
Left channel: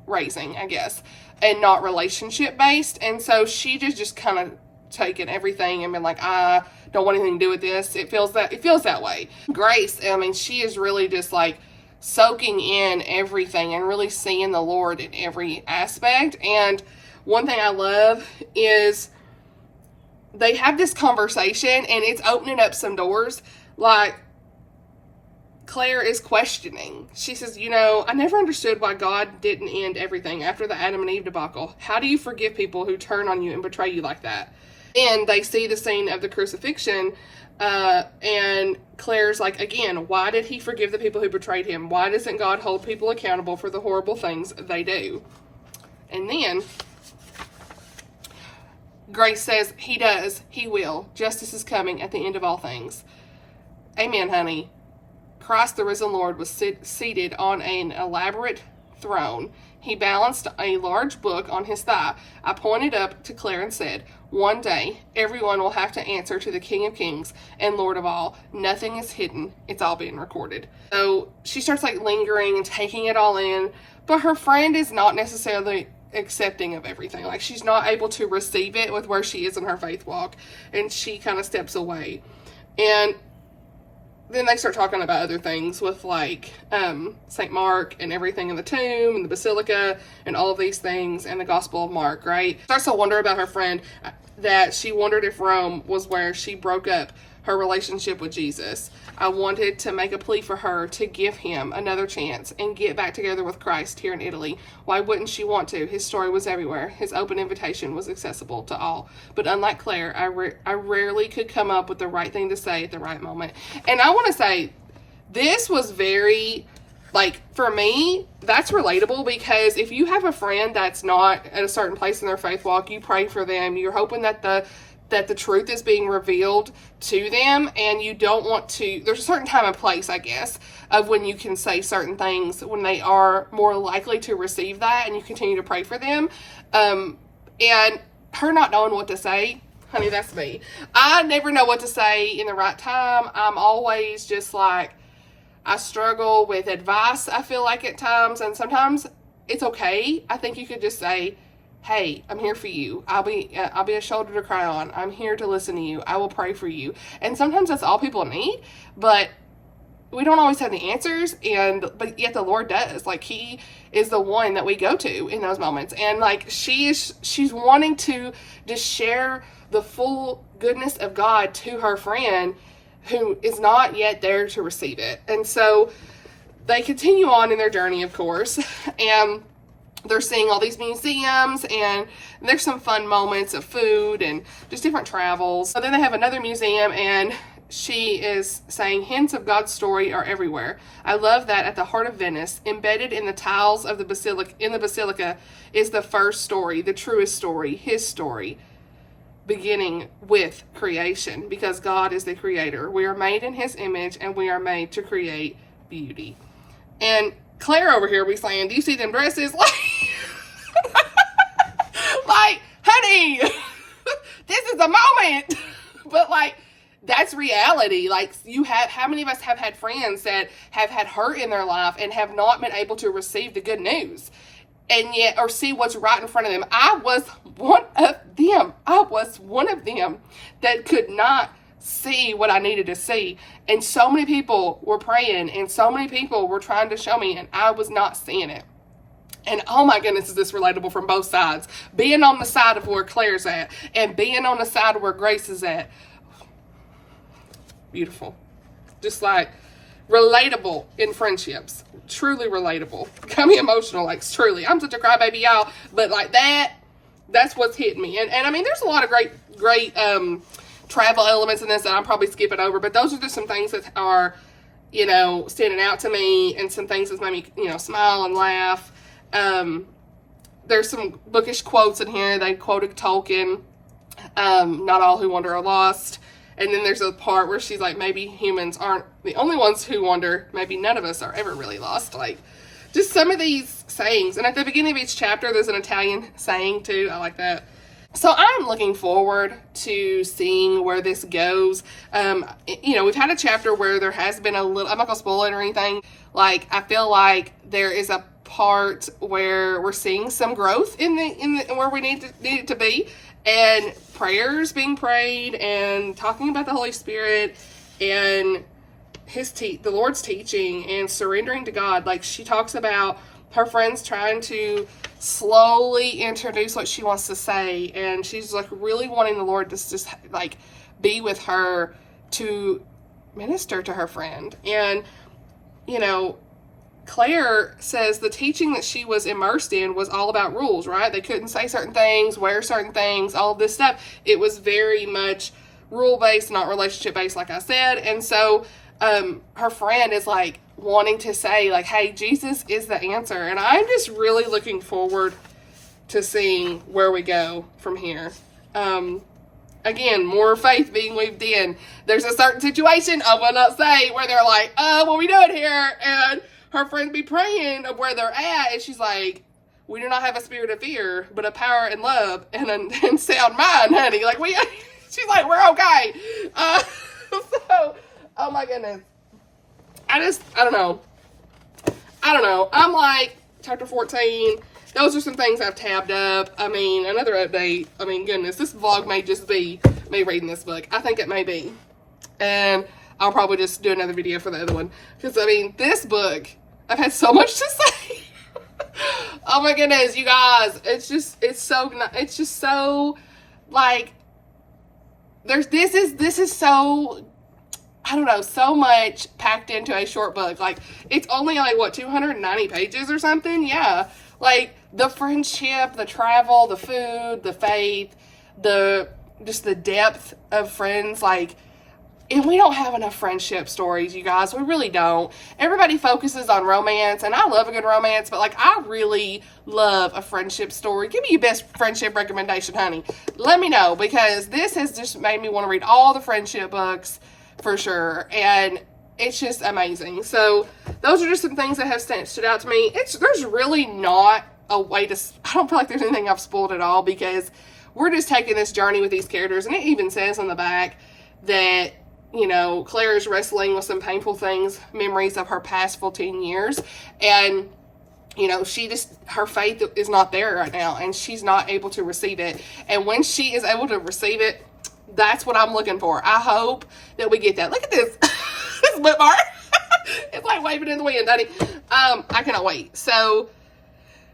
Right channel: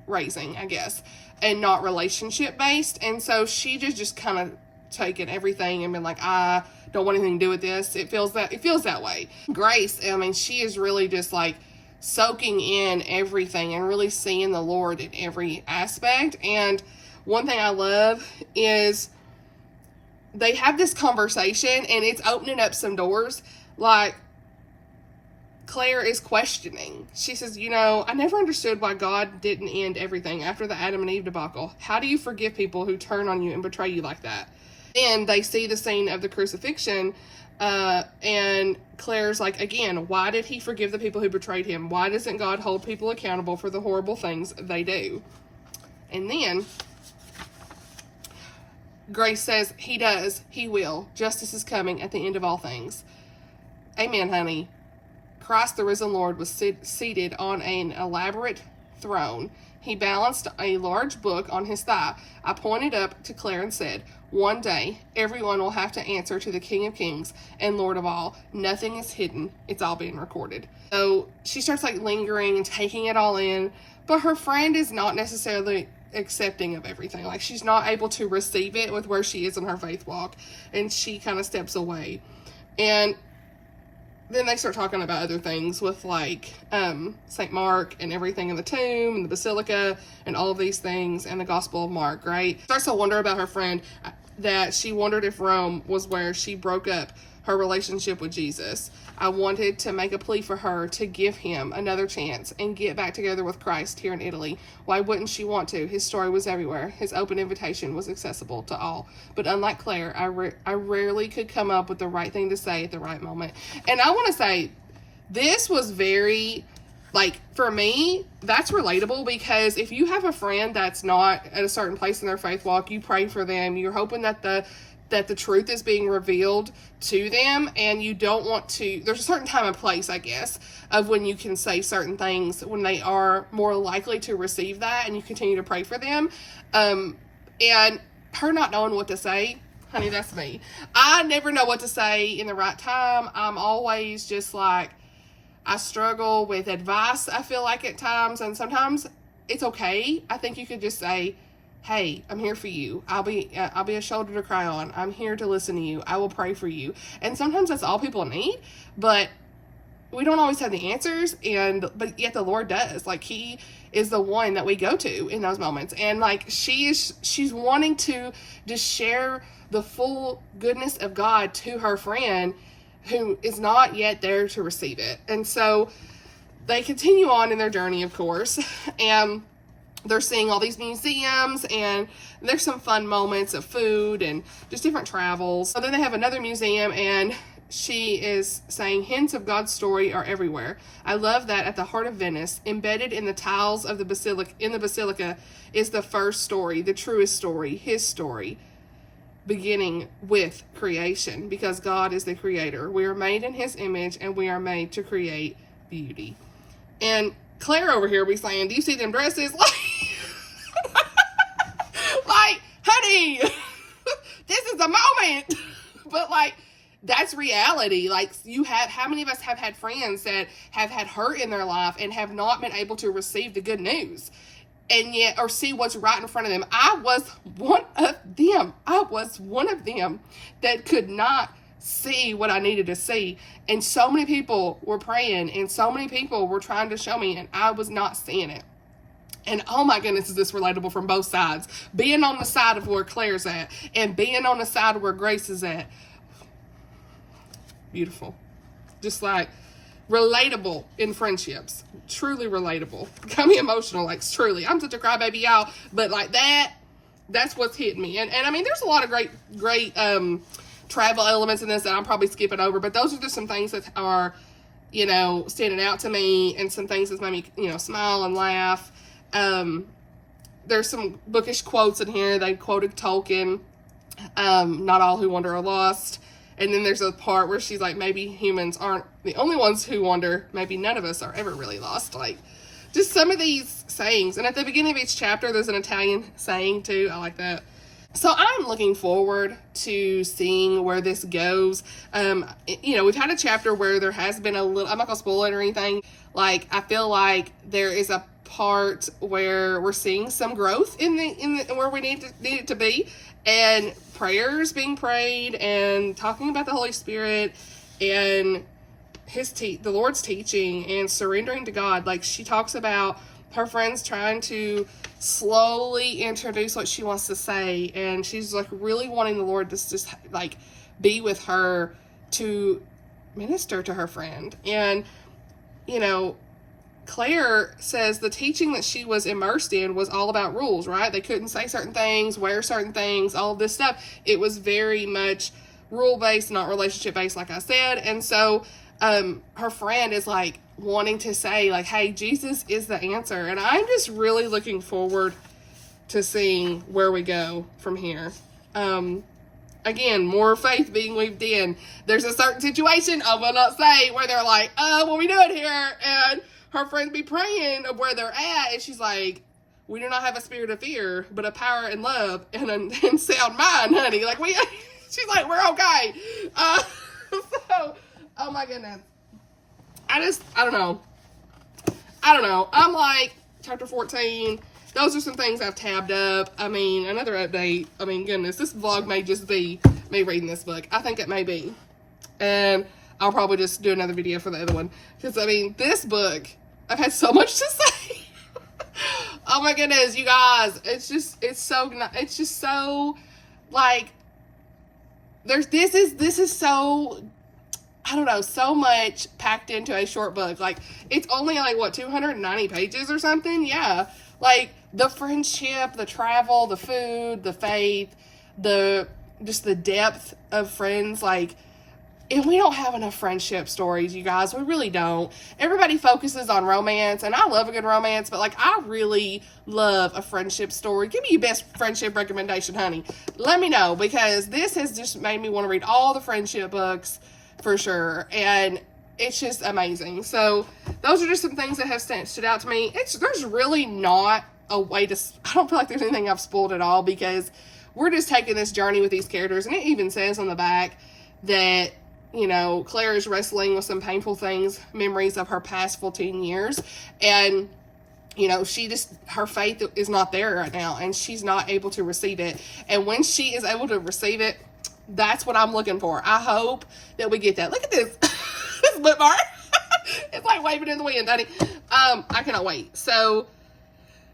raising, I guess, and not relationship-based. And so she just kind of taken everything and been like, I don't want anything to do with this. It feels that way. Grace, I mean, she is really just like soaking in everything and really seeing the Lord in every aspect. And one thing I love is they have this conversation, and it's opening up some doors. Like, Claire is questioning. She says, you know, I never understood why God didn't end everything after the Adam and Eve debacle. How do you forgive people who turn on you and betray you like that? And they see the scene of the crucifixion, and Claire's like, again, why did he forgive the people who betrayed him? Why doesn't God hold people accountable for the horrible things they do? And then Grace says, he does, he will. Justice is coming at the end of all things. Amen, honey. Christ, the risen Lord, was seated on an elaborate throne. He balanced a large book on his thigh. I pointed up to Claire and said, one day, everyone will have to answer to the King of Kings and Lord of all. Nothing is hidden. It's all being recorded. So she starts like lingering and taking it all in, but her friend is not necessarily accepting of everything. Like, she's not able to receive it with where she is in her faith walk, and she kind of steps away. And then they start talking about other things with like St. Mark and everything in the tomb and the basilica and all of these things and the Gospel of Mark, right? Starts to wonder about her friend. that she wondered if Rome was where she broke up her relationship with Jesus. I wanted to make a plea for her to give him another chance and get back together with Christ here in Italy. Why wouldn't she want to? His story was everywhere. His open invitation was accessible to all. But unlike Claire, I rarely could come up with the right thing to say at the right moment. And I want to say, this was very, like, for me, that's relatable, because if you have a friend that's not at a certain place in their faith walk, you pray for them, you're hoping that the truth is being revealed to them, and you don't want to, there's a certain time and place, I guess, of when you can say certain things when they are more likely to receive that, and you continue to pray for them. And her not knowing what to say, honey, that's me. I never know what to say in the right time. I'm always just like, I struggle with advice, I feel like, at times, and sometimes it's okay. I think you could just say, hey, I'm here for you. I'll be a shoulder to cry on. I'm here to listen to you. I will pray for you. And sometimes that's all people need, but we don't always have the answers, but yet the Lord does. Like, he is the one that we go to in those moments. And like, she's wanting to just share the full goodness of God to her friend who is not yet there to receive it. And so they continue on in their journey, of course, and they're seeing all these museums, and there's some fun moments of food and just different travels. So then they have another museum, and she is saying hints of God's story are everywhere. I love that at the heart of Venice, embedded in the tiles of the basilica is the first story, the truest story, his story, beginning with creation, because God is the creator. We are made in his image, and we are made to create beauty. And Claire over here, we saying, do you see them dresses? Like, honey, this is the moment. But like, that's reality. Like, how many of us have had friends that have had hurt in their life and have not been able to receive the good news, and yet, or see what's right in front of them? I was one of them. I was one of them that could not see what I needed to see. And so many people were praying, and so many people were trying to show me, and I was not seeing it. And oh my goodness, is this relatable from both sides? Being on the side of where Claire's at, and being on the side of where Grace is at. Beautiful. Just like, relatable in friendships. Truly relatable. Got me emotional, like, truly. I'm such a crybaby, y'all. But like, that's what's hitting me. And I mean, there's a lot of great travel elements in this that I'm probably skipping over, but those are just some things that are, standing out to me, and some things that made me, smile and laugh. There's some bookish quotes in here. They quoted Tolkien, not all who wander are lost. And then there's a part where she's like, maybe humans aren't the only ones who wander. Maybe none of us are ever really lost. Like, just some of these sayings. And at the beginning of each chapter, there's an Italian saying too. I like that. So I'm looking forward to seeing where this goes. We've had a chapter where there has been a little, I'm not gonna spoil it or anything. Like, I feel like there is a part where we're seeing some growth in where we need it to be, and prayers being prayed, and talking about the Holy Spirit, and the Lord's teaching, and surrendering to God. Like, she talks about her friends trying to slowly introduce what she wants to say, and she's like really wanting the Lord to just like be with her to minister to her friend. And Claire says the teaching that she was immersed in was all about rules, right? They couldn't say certain things, wear certain things, all this stuff. It was very much rule-based, not relationship-based, like I said. And so her friend is like wanting to say, like, hey, Jesus is the answer. And I'm just really looking forward to seeing where we go from here. Again, more faith being weaved in. There's a certain situation, I will not say, where they're like, what are we doing here? And her friend be praying of where they're at, and she's like, we do not have a spirit of fear, but a power and love and sound mind, honey. Like, she's like, we're okay. So, oh my goodness. I don't know. I'm like, chapter 14, those are some things I've tabbed up. I mean, another update. I mean, goodness, this vlog may just be me reading this book. I think it may be. And I'll probably just do another video for the other one. Because, I mean, this book, I've had so much to say. Oh my goodness, you guys. It's just so, like, this is so, I don't know, so much packed into a short book. Like, it's only like, what, 290 pages or something? Yeah. Like, the friendship, the travel, the food, the faith, just the depth of friends. Like, and we don't have enough friendship stories, you guys. We really don't. Everybody focuses on romance, and I love a good romance, but, like, I really love a friendship story. Give me your best friendship recommendation, honey. Let me know, because this has just made me want to read all the friendship books for sure, and it's just amazing. So those are just some things that have stood out to me. There's really not a way to, I don't feel like there's anything I've spoiled at all, because we're just taking this journey with these characters, and it even says on the back that, you know, Claire is wrestling with some painful things, memories of her past 14 years, and, you know, her faith is not there right now, and she's not able to receive it, and when she is able to receive it, that's what I'm looking for. I hope that we get that. Look at this, this lip bar. It's like waving in the wind, honey. I cannot wait. So,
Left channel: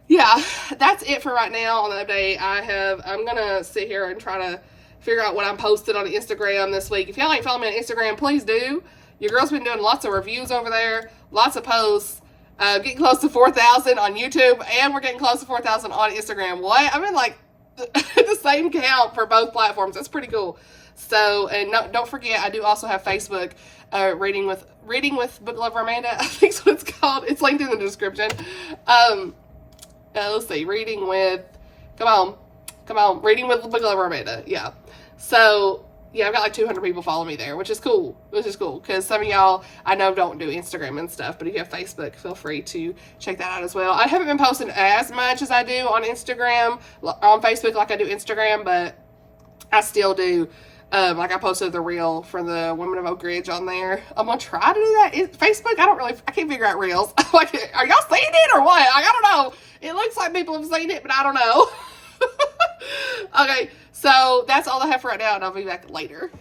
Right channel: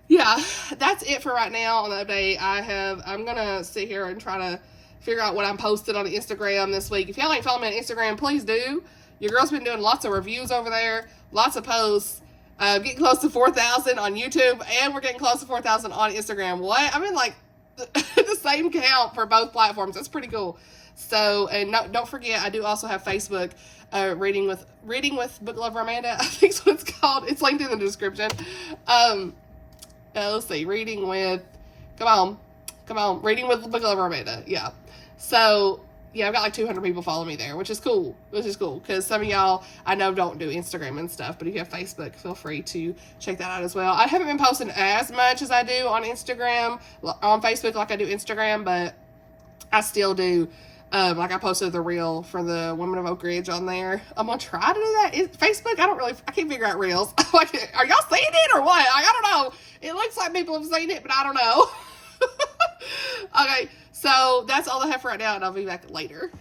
yeah, that's it for right now on the update. I'm gonna sit here and try to figure out what I'm posting on Instagram this week. If y'all ain't following me on Instagram, please do. Your girl's been doing lots of reviews over there, lots of posts, getting close to 4,000 on YouTube, and we're getting close to 4,000 on Instagram. What? I'm in like the same count for both platforms. That's pretty cool. So, and no, don't forget, I do also have Facebook, reading with Book Lover Amanda. I think that's what it's called. It's linked in the description. Let's see, reading with Book Lover Amanda. Yeah. So, yeah, I've got like 200 people follow me there, which is cool. Because some of y'all I know don't do Instagram and stuff, but if you have Facebook, feel free to check that out as well. I haven't been posting as much as I do on Instagram, on Facebook like I do Instagram, but I still do. Like I posted the reel for the Women of Oak Ridge on there. I'm gonna try to do that. Facebook, I can't figure out reels. Like, are y'all seeing it or what? Like, I don't know. It looks like people have seen it, but I don't know. Okay, so that's all I have for right now, and I'll be back later.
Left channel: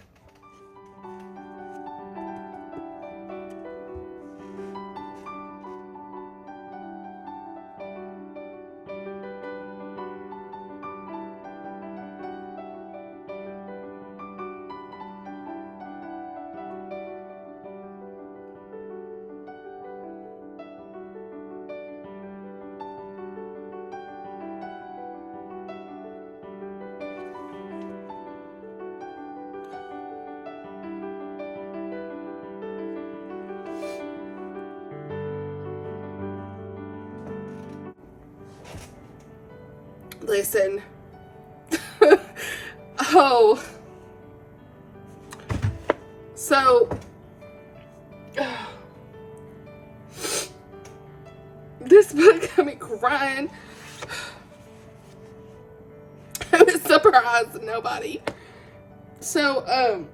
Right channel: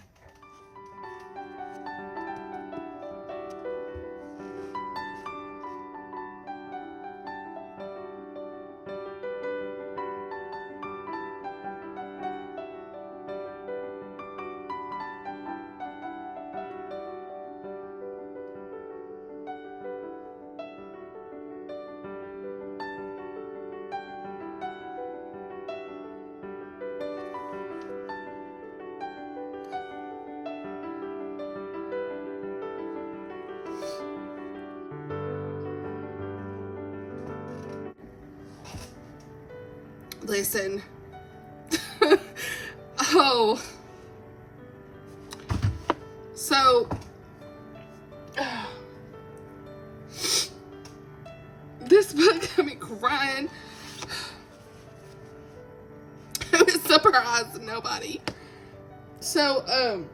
Listen. Oh. So. This book got me crying. I was surprised nobody. So, oh.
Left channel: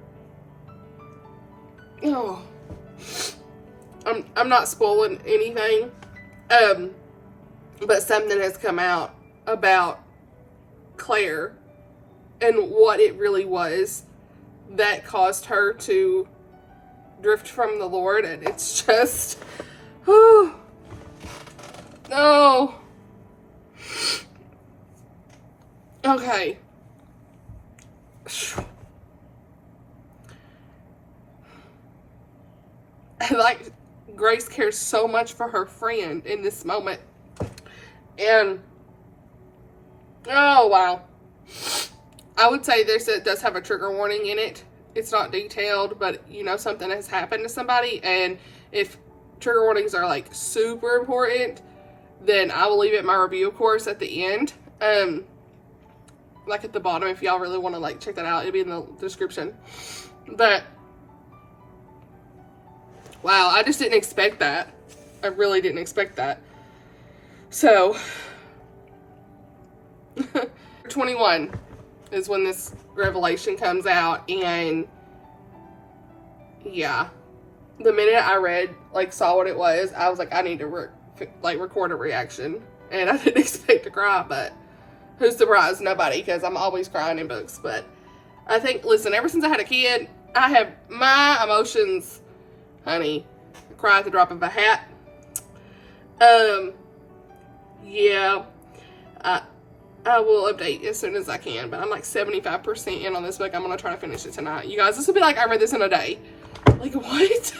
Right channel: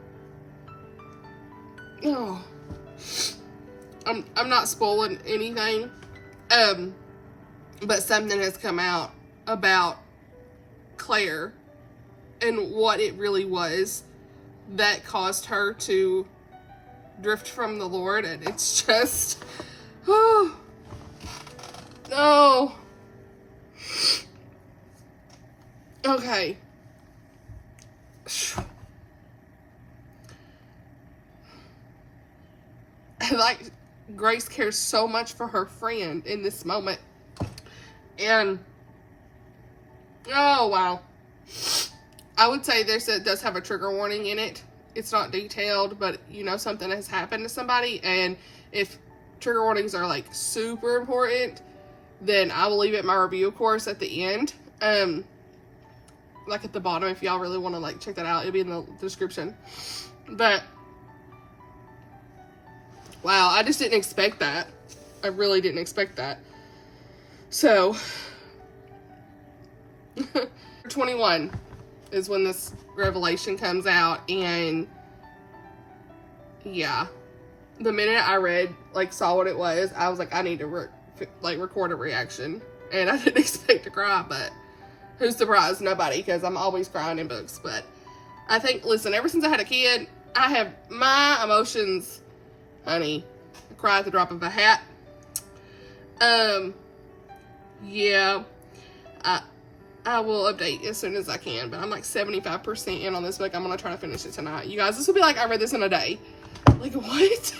I'm not spoiling anything. But something has come out about Claire and what it really was that caused her to drift from the Lord, and it's just, oh, no. Okay. Like, Grace cares so much for her friend in this moment, and oh, wow. I would say it does have a trigger warning in it. It's not detailed, but, you know, something has happened to somebody. And if trigger warnings are, like, super important, then I will leave it my review, of course, at the end. Like, at the bottom, if y'all really want to, like, check that out. It'll be in the description. But, wow, I just didn't expect that. I really didn't expect that. So, 21 is when this revelation comes out, and yeah, the minute I saw what it was, I was like, I need to record a reaction, and I didn't expect to cry, but who's surprised? Nobody, because I'm always crying in books. But I think, listen, ever since I had a kid, I have my emotions, honey, I cry at the drop of a hat. Yeah, I will update as soon as I can, but I'm like 75% in on this book. I'm going to try to finish it tonight. You guys, this will be like I read this in a day. Like, what?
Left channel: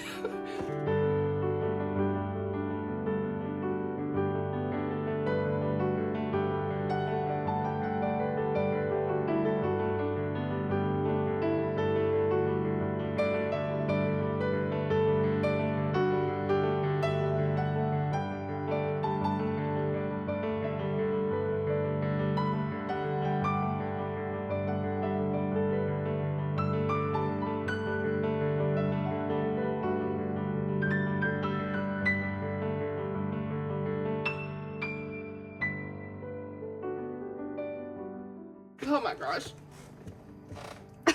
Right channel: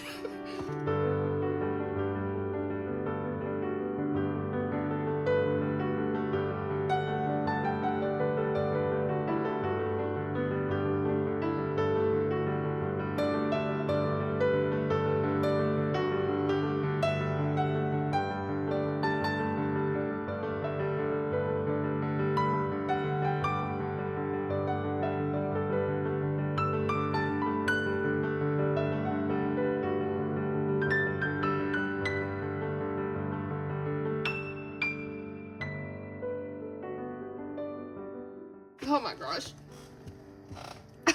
Oh my gosh.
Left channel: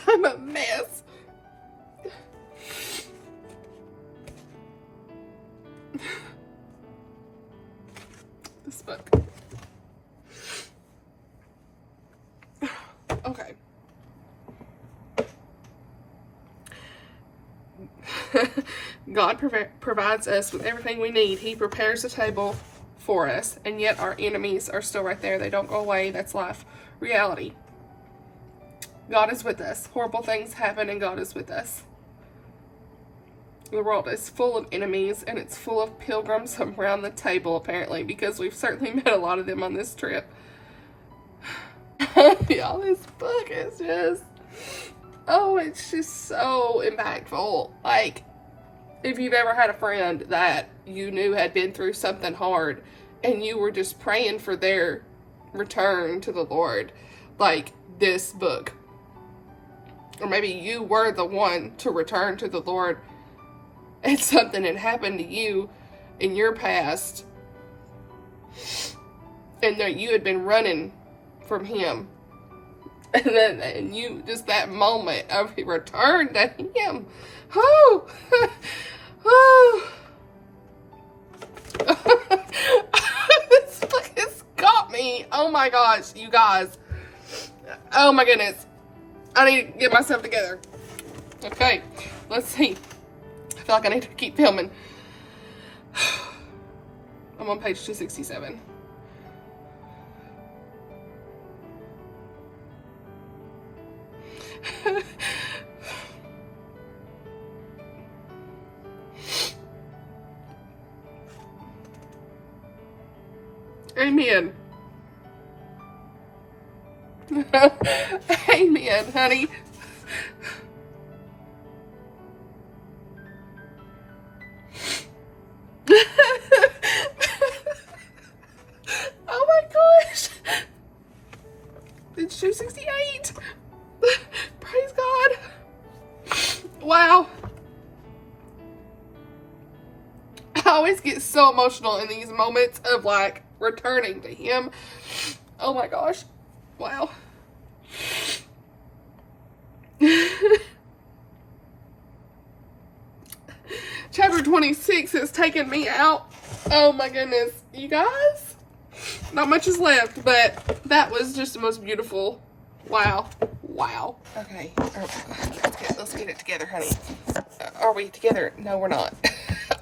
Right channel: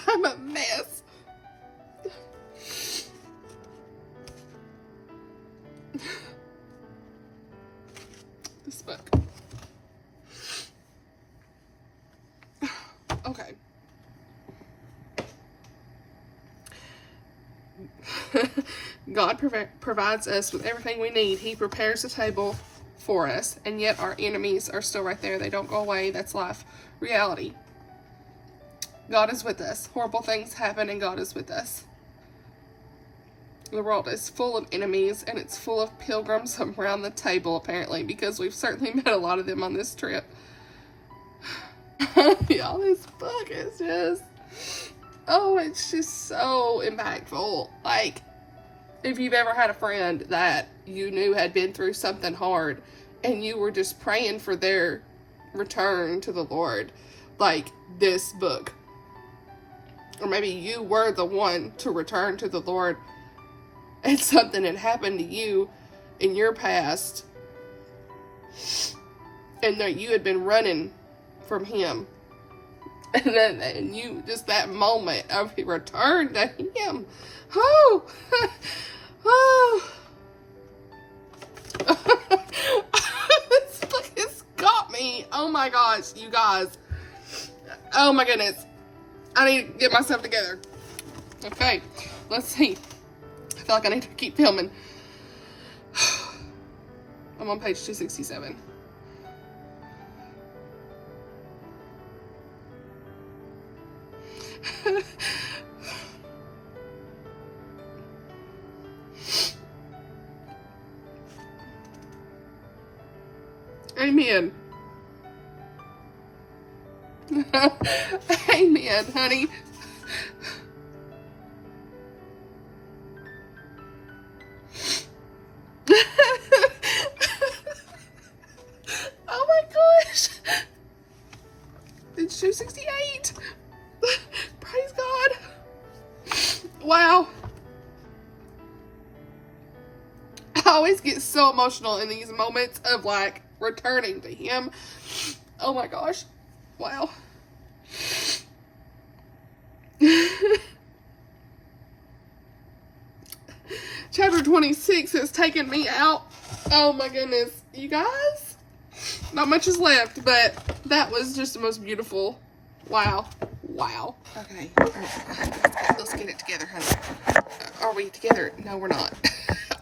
I'm a mess. This book. Okay. God provides us with everything we need. He prepares the table for us, and yet our enemies are still right there. They don't go away. That's life. Reality. God is with us. Horrible things happen, and God is with us. The world is full of enemies, and it's full of pilgrims around the table, apparently, because we've certainly met a lot of them on this trip. Y'all, this book is just, oh, it's just so impactful. Like, if you've ever had a friend that you knew had been through something hard, and you were just praying for their return to the Lord, like this book. Or maybe you were the one to return to the Lord, and something had happened to you in your past, and that you had been running from Him, and you, just that moment of return to Him. Oh, oh. This book has got me. Oh my gosh, you guys. Oh my goodness. I need to get myself together. Okay, let's see. I feel like I need to keep filming. I'm on page 267. Amen. Amen, honey. Oh my gosh. It's 268. Praise God. Wow. I always get so emotional in these moments of like returning to Him. Oh my gosh. Wow. Chapter 26 has taken me out. Oh my goodness. You guys? Not much is left, but that was just the most beautiful. Wow. Wow. Okay. Let's get it together, honey. Are we together? No, we're not.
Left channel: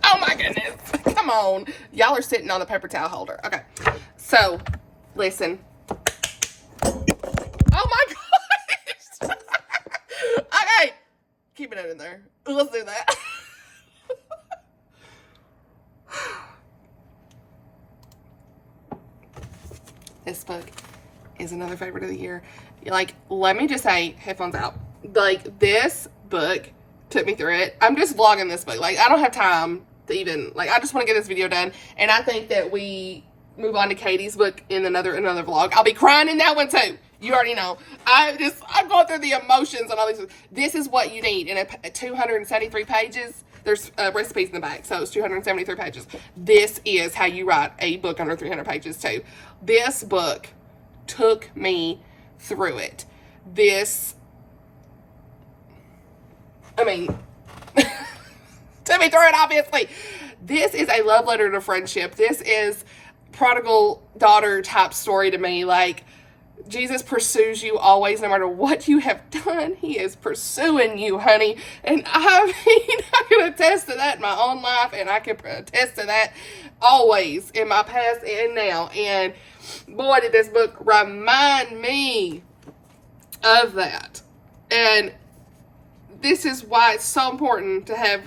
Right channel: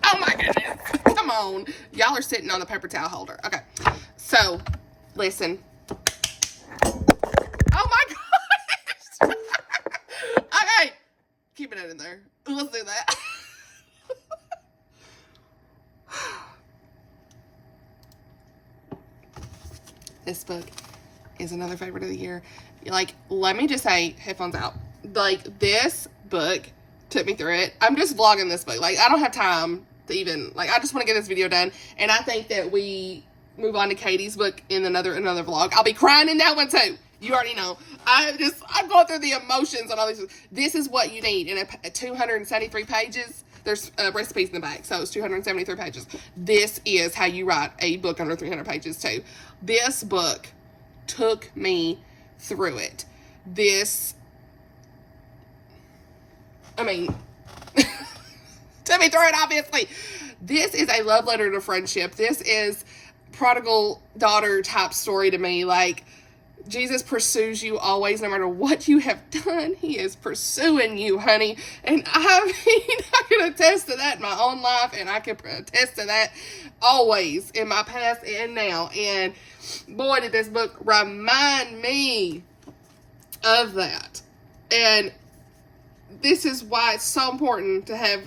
Oh my goodness. Come on. Y'all are sitting on the paper towel holder. Okay. So, listen. Oh my gosh. Okay. Keep it in there. Let's do that. This book is another favorite of the year. Like, let me just say, headphones out. Like, this book took me through it. I'm just vlogging this book. Like, I don't have time to even, like, I just want to get this video done. And I think that we move on to Katie's book in another vlog. I'll be crying in that one too. You already know. I'm going through the emotions and all these. This is what you need. In 273 pages, there's recipes in the back. So it's 273 pages. This is how you write a book under 300 pages too. This book took me through it. Took me through it, obviously. This is a love letter to friendship. This is prodigal daughter type story to me. Like, Jesus pursues you always, no matter what you have done. He is pursuing you, honey. And I can attest to that in my own life, and I can attest to that always in my past and now. And boy, did this book remind me of that. And this is why it's so important to have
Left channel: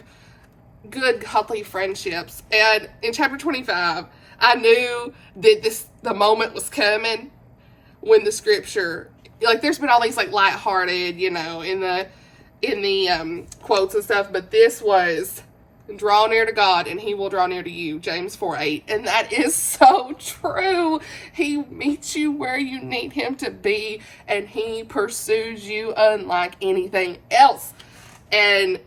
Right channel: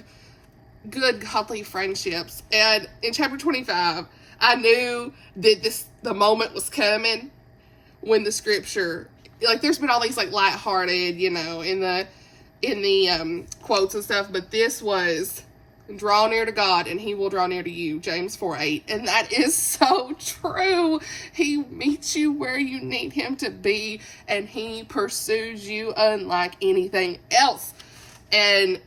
good, healthy friendships. And in chapter 25, I knew that the moment was coming when the scripture, like, there's been all these like lighthearted, you know, in the quotes and stuff, but this was, draw near to God and he will draw near to you, James 4:8. And that is so true. He meets you where you need him to be, and he pursues you unlike anything else. And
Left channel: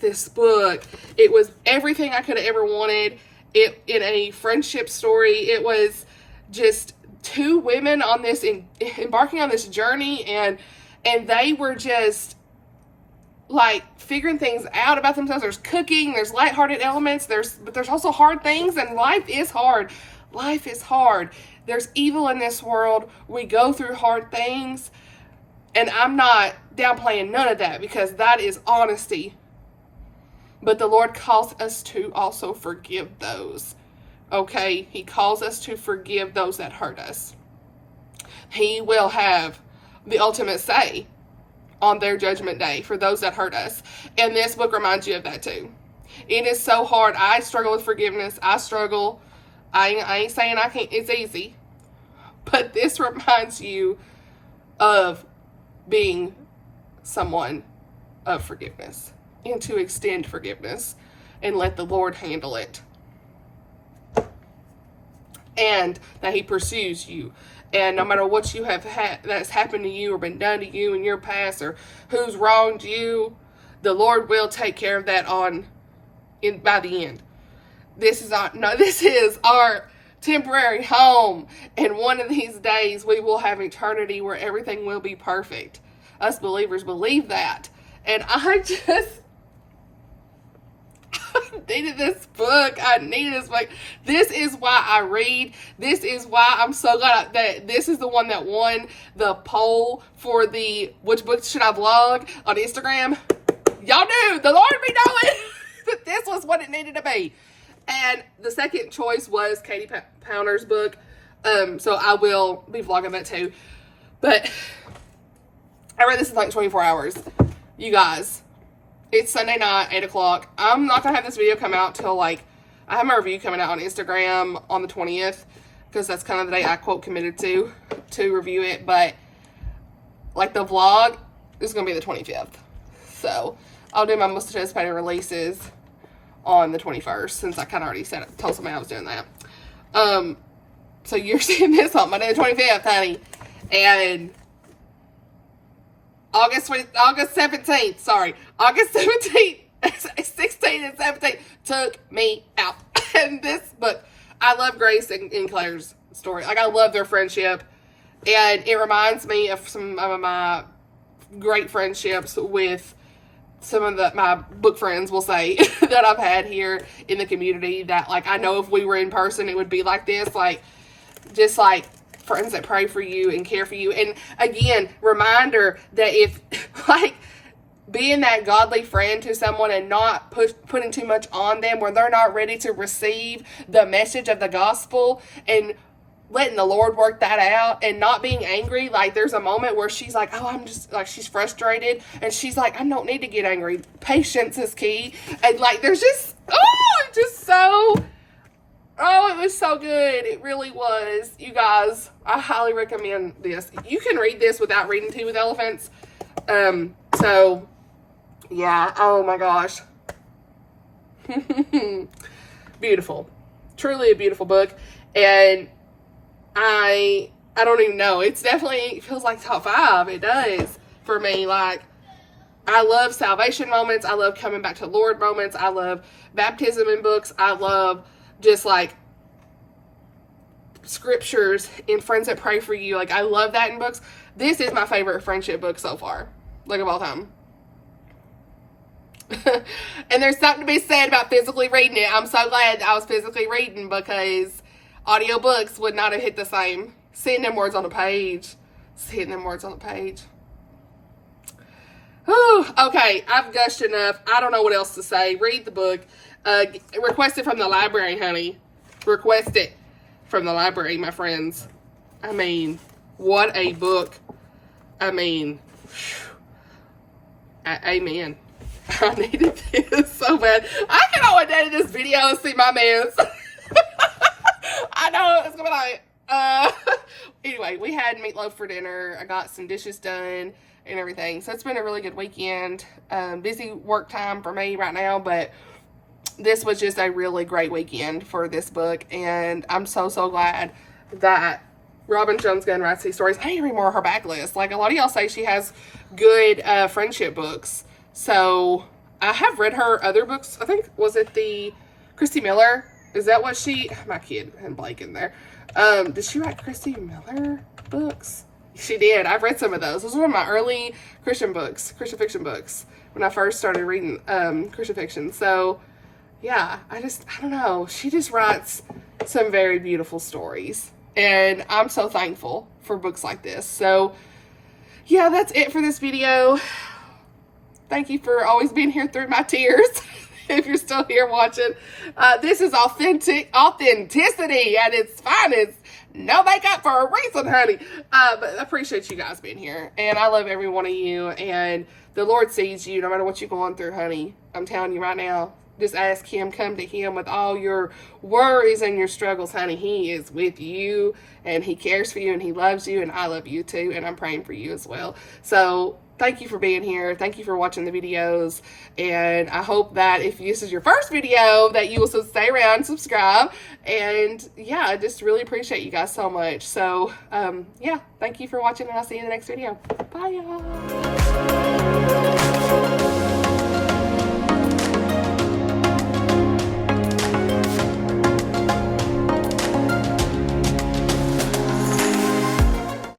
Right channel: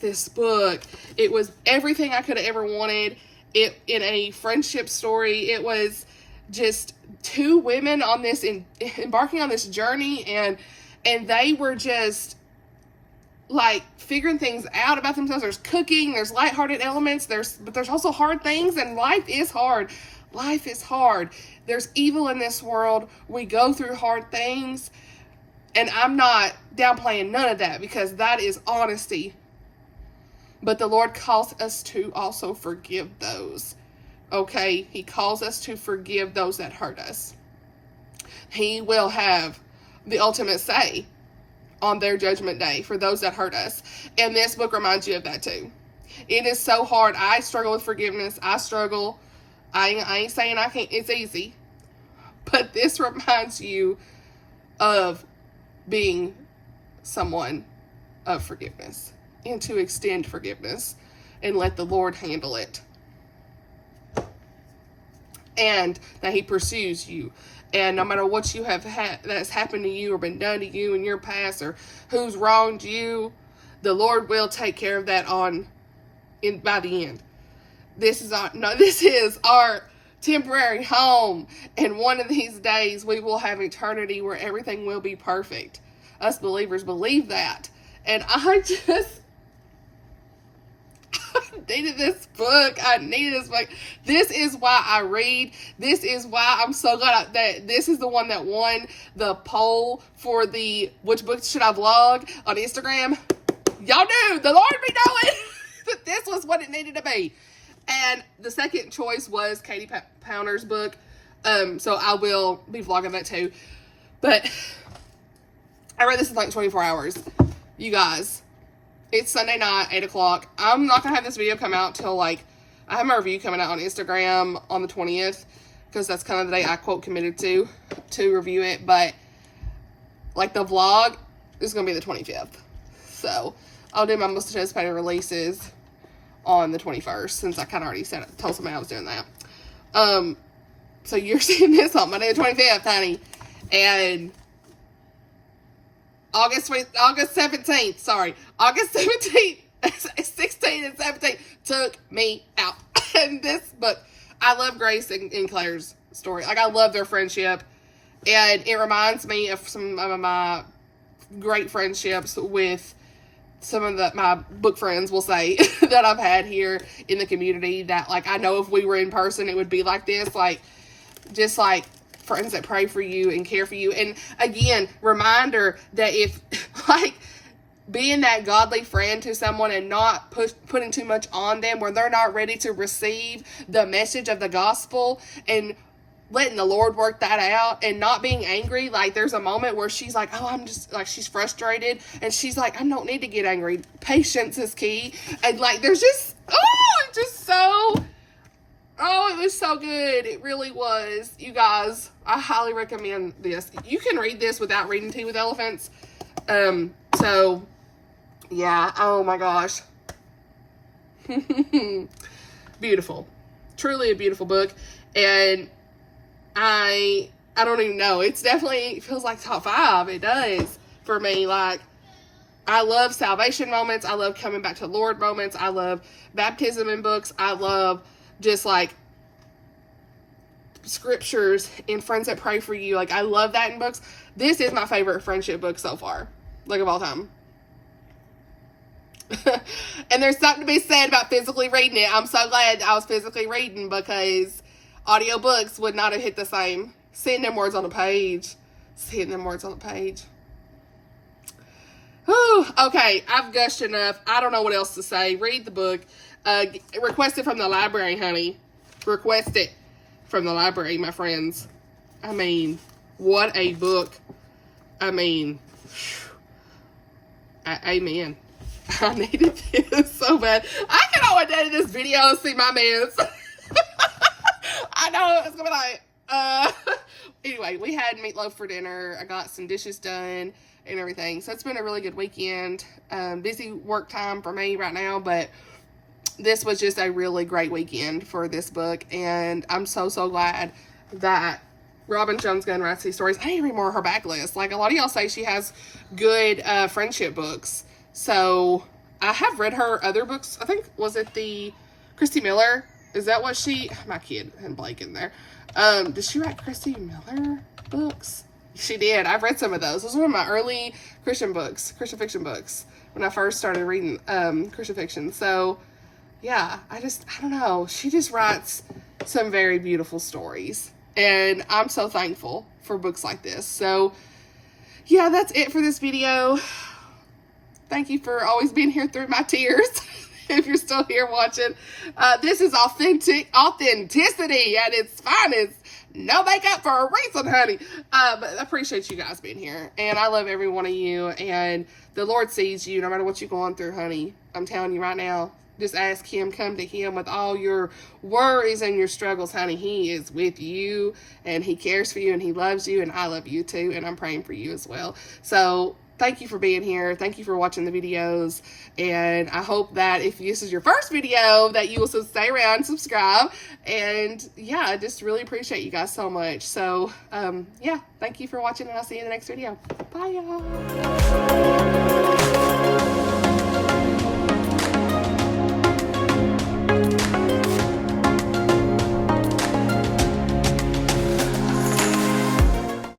this book, it was everything I could have ever wanted. It, in a friendship story, it was just two women on this, embarking on this journey, and they were just like figuring things out about themselves. There's cooking, there's lighthearted elements, but there's also hard things, and life is hard. Life is hard. There's evil in this world. We go through hard things, and I'm not downplaying none of that, because that is honesty. But the Lord calls us to also forgive those. Okay? He calls us to forgive those that hurt us. He will have the ultimate say on their judgment day for those that hurt us. And this book reminds you of that too. It is so hard. I struggle with forgiveness. I struggle. I ain't saying I can't. It's easy. But this reminds you of being someone of forgiveness, and to extend forgiveness and let the Lord handle it. And that he pursues you. And no matter what you have had that's happened to you or been done to you in your past, or who's wronged you, the Lord will take care of that by the end. This is our temporary home, and one of these days we will have eternity where everything will be perfect. Us believers believe that. And I needed this book. This is why I read. This is why I'm so glad that this is the one that won the poll for the which books should I vlog on Instagram. Y'all knew, the Lord be knowing that this was what it needed to be. And the second choice was Katie Powner's book. So I will be vlogging that too. But I read this in like 24 hours. You guys, it's Sunday night, 8 o'clock. I'm not going to have this video come out till like, I have my review coming out on Instagram on the 20th, because that's kind of the day I quote committed to review it. But like the vlog is going to be the 25th. So I'll do my most anticipated releases on the 21st, since I kind of already told somebody I was doing that. So you're seeing this on Monday the 25th, honey. And August 17th, 16th and 17th took me out. And this book, I love Grace and Claire's story. Like, I love their friendship. And it reminds me of some of my great friendships with some of my book friends, will say, that I've had here in the community, that, like, I know if we were in person, it would be like this. Like, just like friends that pray for you and care for you. And again, reminder that if, like, being that godly friend to someone and not putting too much on them where they're not ready to receive the message of the gospel, and letting the Lord work that out, and not being angry. Like, there's a moment where she's like, oh, I'm just, like, she's frustrated, and she's like, I don't need to get angry. Patience is key. And, like, there's just, it was so good. It really was. You guys, I highly recommend this. You can read this without reading Tea with Elephants. So, yeah. Oh, my gosh. Beautiful. Truly a beautiful book. And I don't even know. It feels like top 5. It does for me. Like, I love salvation moments. I love coming back to Lord moments. I love baptism in books. I love just like scriptures and friends that pray for you. Like, I love that in books. This is my favorite friendship book so far, like, of all time. And there's something to be said about physically reading it. I'm so glad I was physically reading, because audiobooks would not have hit the same. Seeing them words on the page. Whew, okay, I've gushed enough. I don't know what else to say. Read the book. Request it from the library, honey. Request it from the library, my friends. I mean, what a book. I mean, amen. I needed this so bad. I can always edit this video and see my mess. I know it's gonna be like, anyway, we had meatloaf for dinner. I got some dishes done and everything. So it's been a really good weekend. Busy work time for me right now, but this was just a really great weekend for this book. And I'm so glad that Robin Jones Gunn writes these stories. I need to read more of her backlist. Like, a lot of y'all say she has good friendship books. So I have read her other books. I think, was it the Christy Miller? Is that what she, my kid and Blake in there. Did she write Christy Miller books? She did. I've read some of those. Those were one of my early Christian fiction books, when I first started reading Christian fiction. So yeah, I don't know. She just writes some very beautiful stories. And I'm so thankful for books like this. So yeah, that's it for this video. Thank you for always being here through my tears. If you're still here watching, this is authenticity at its finest. No makeup for a reason, honey. But I appreciate you guys being here, and I love every one of you, and the Lord sees you no matter what you're going through, honey. I'm telling you right now, just ask him, come to him with all your worries and your struggles, honey. He is with you, and he cares for you, and he loves you, and I love you too, and I'm praying for you as well. So thank you for being here. Thank you for watching the videos. And I hope that if this is your first video, that you will stay around and subscribe. And yeah, I just really appreciate you guys so much. So yeah, thank you for watching, and I'll see you in the next video. Bye, y'all.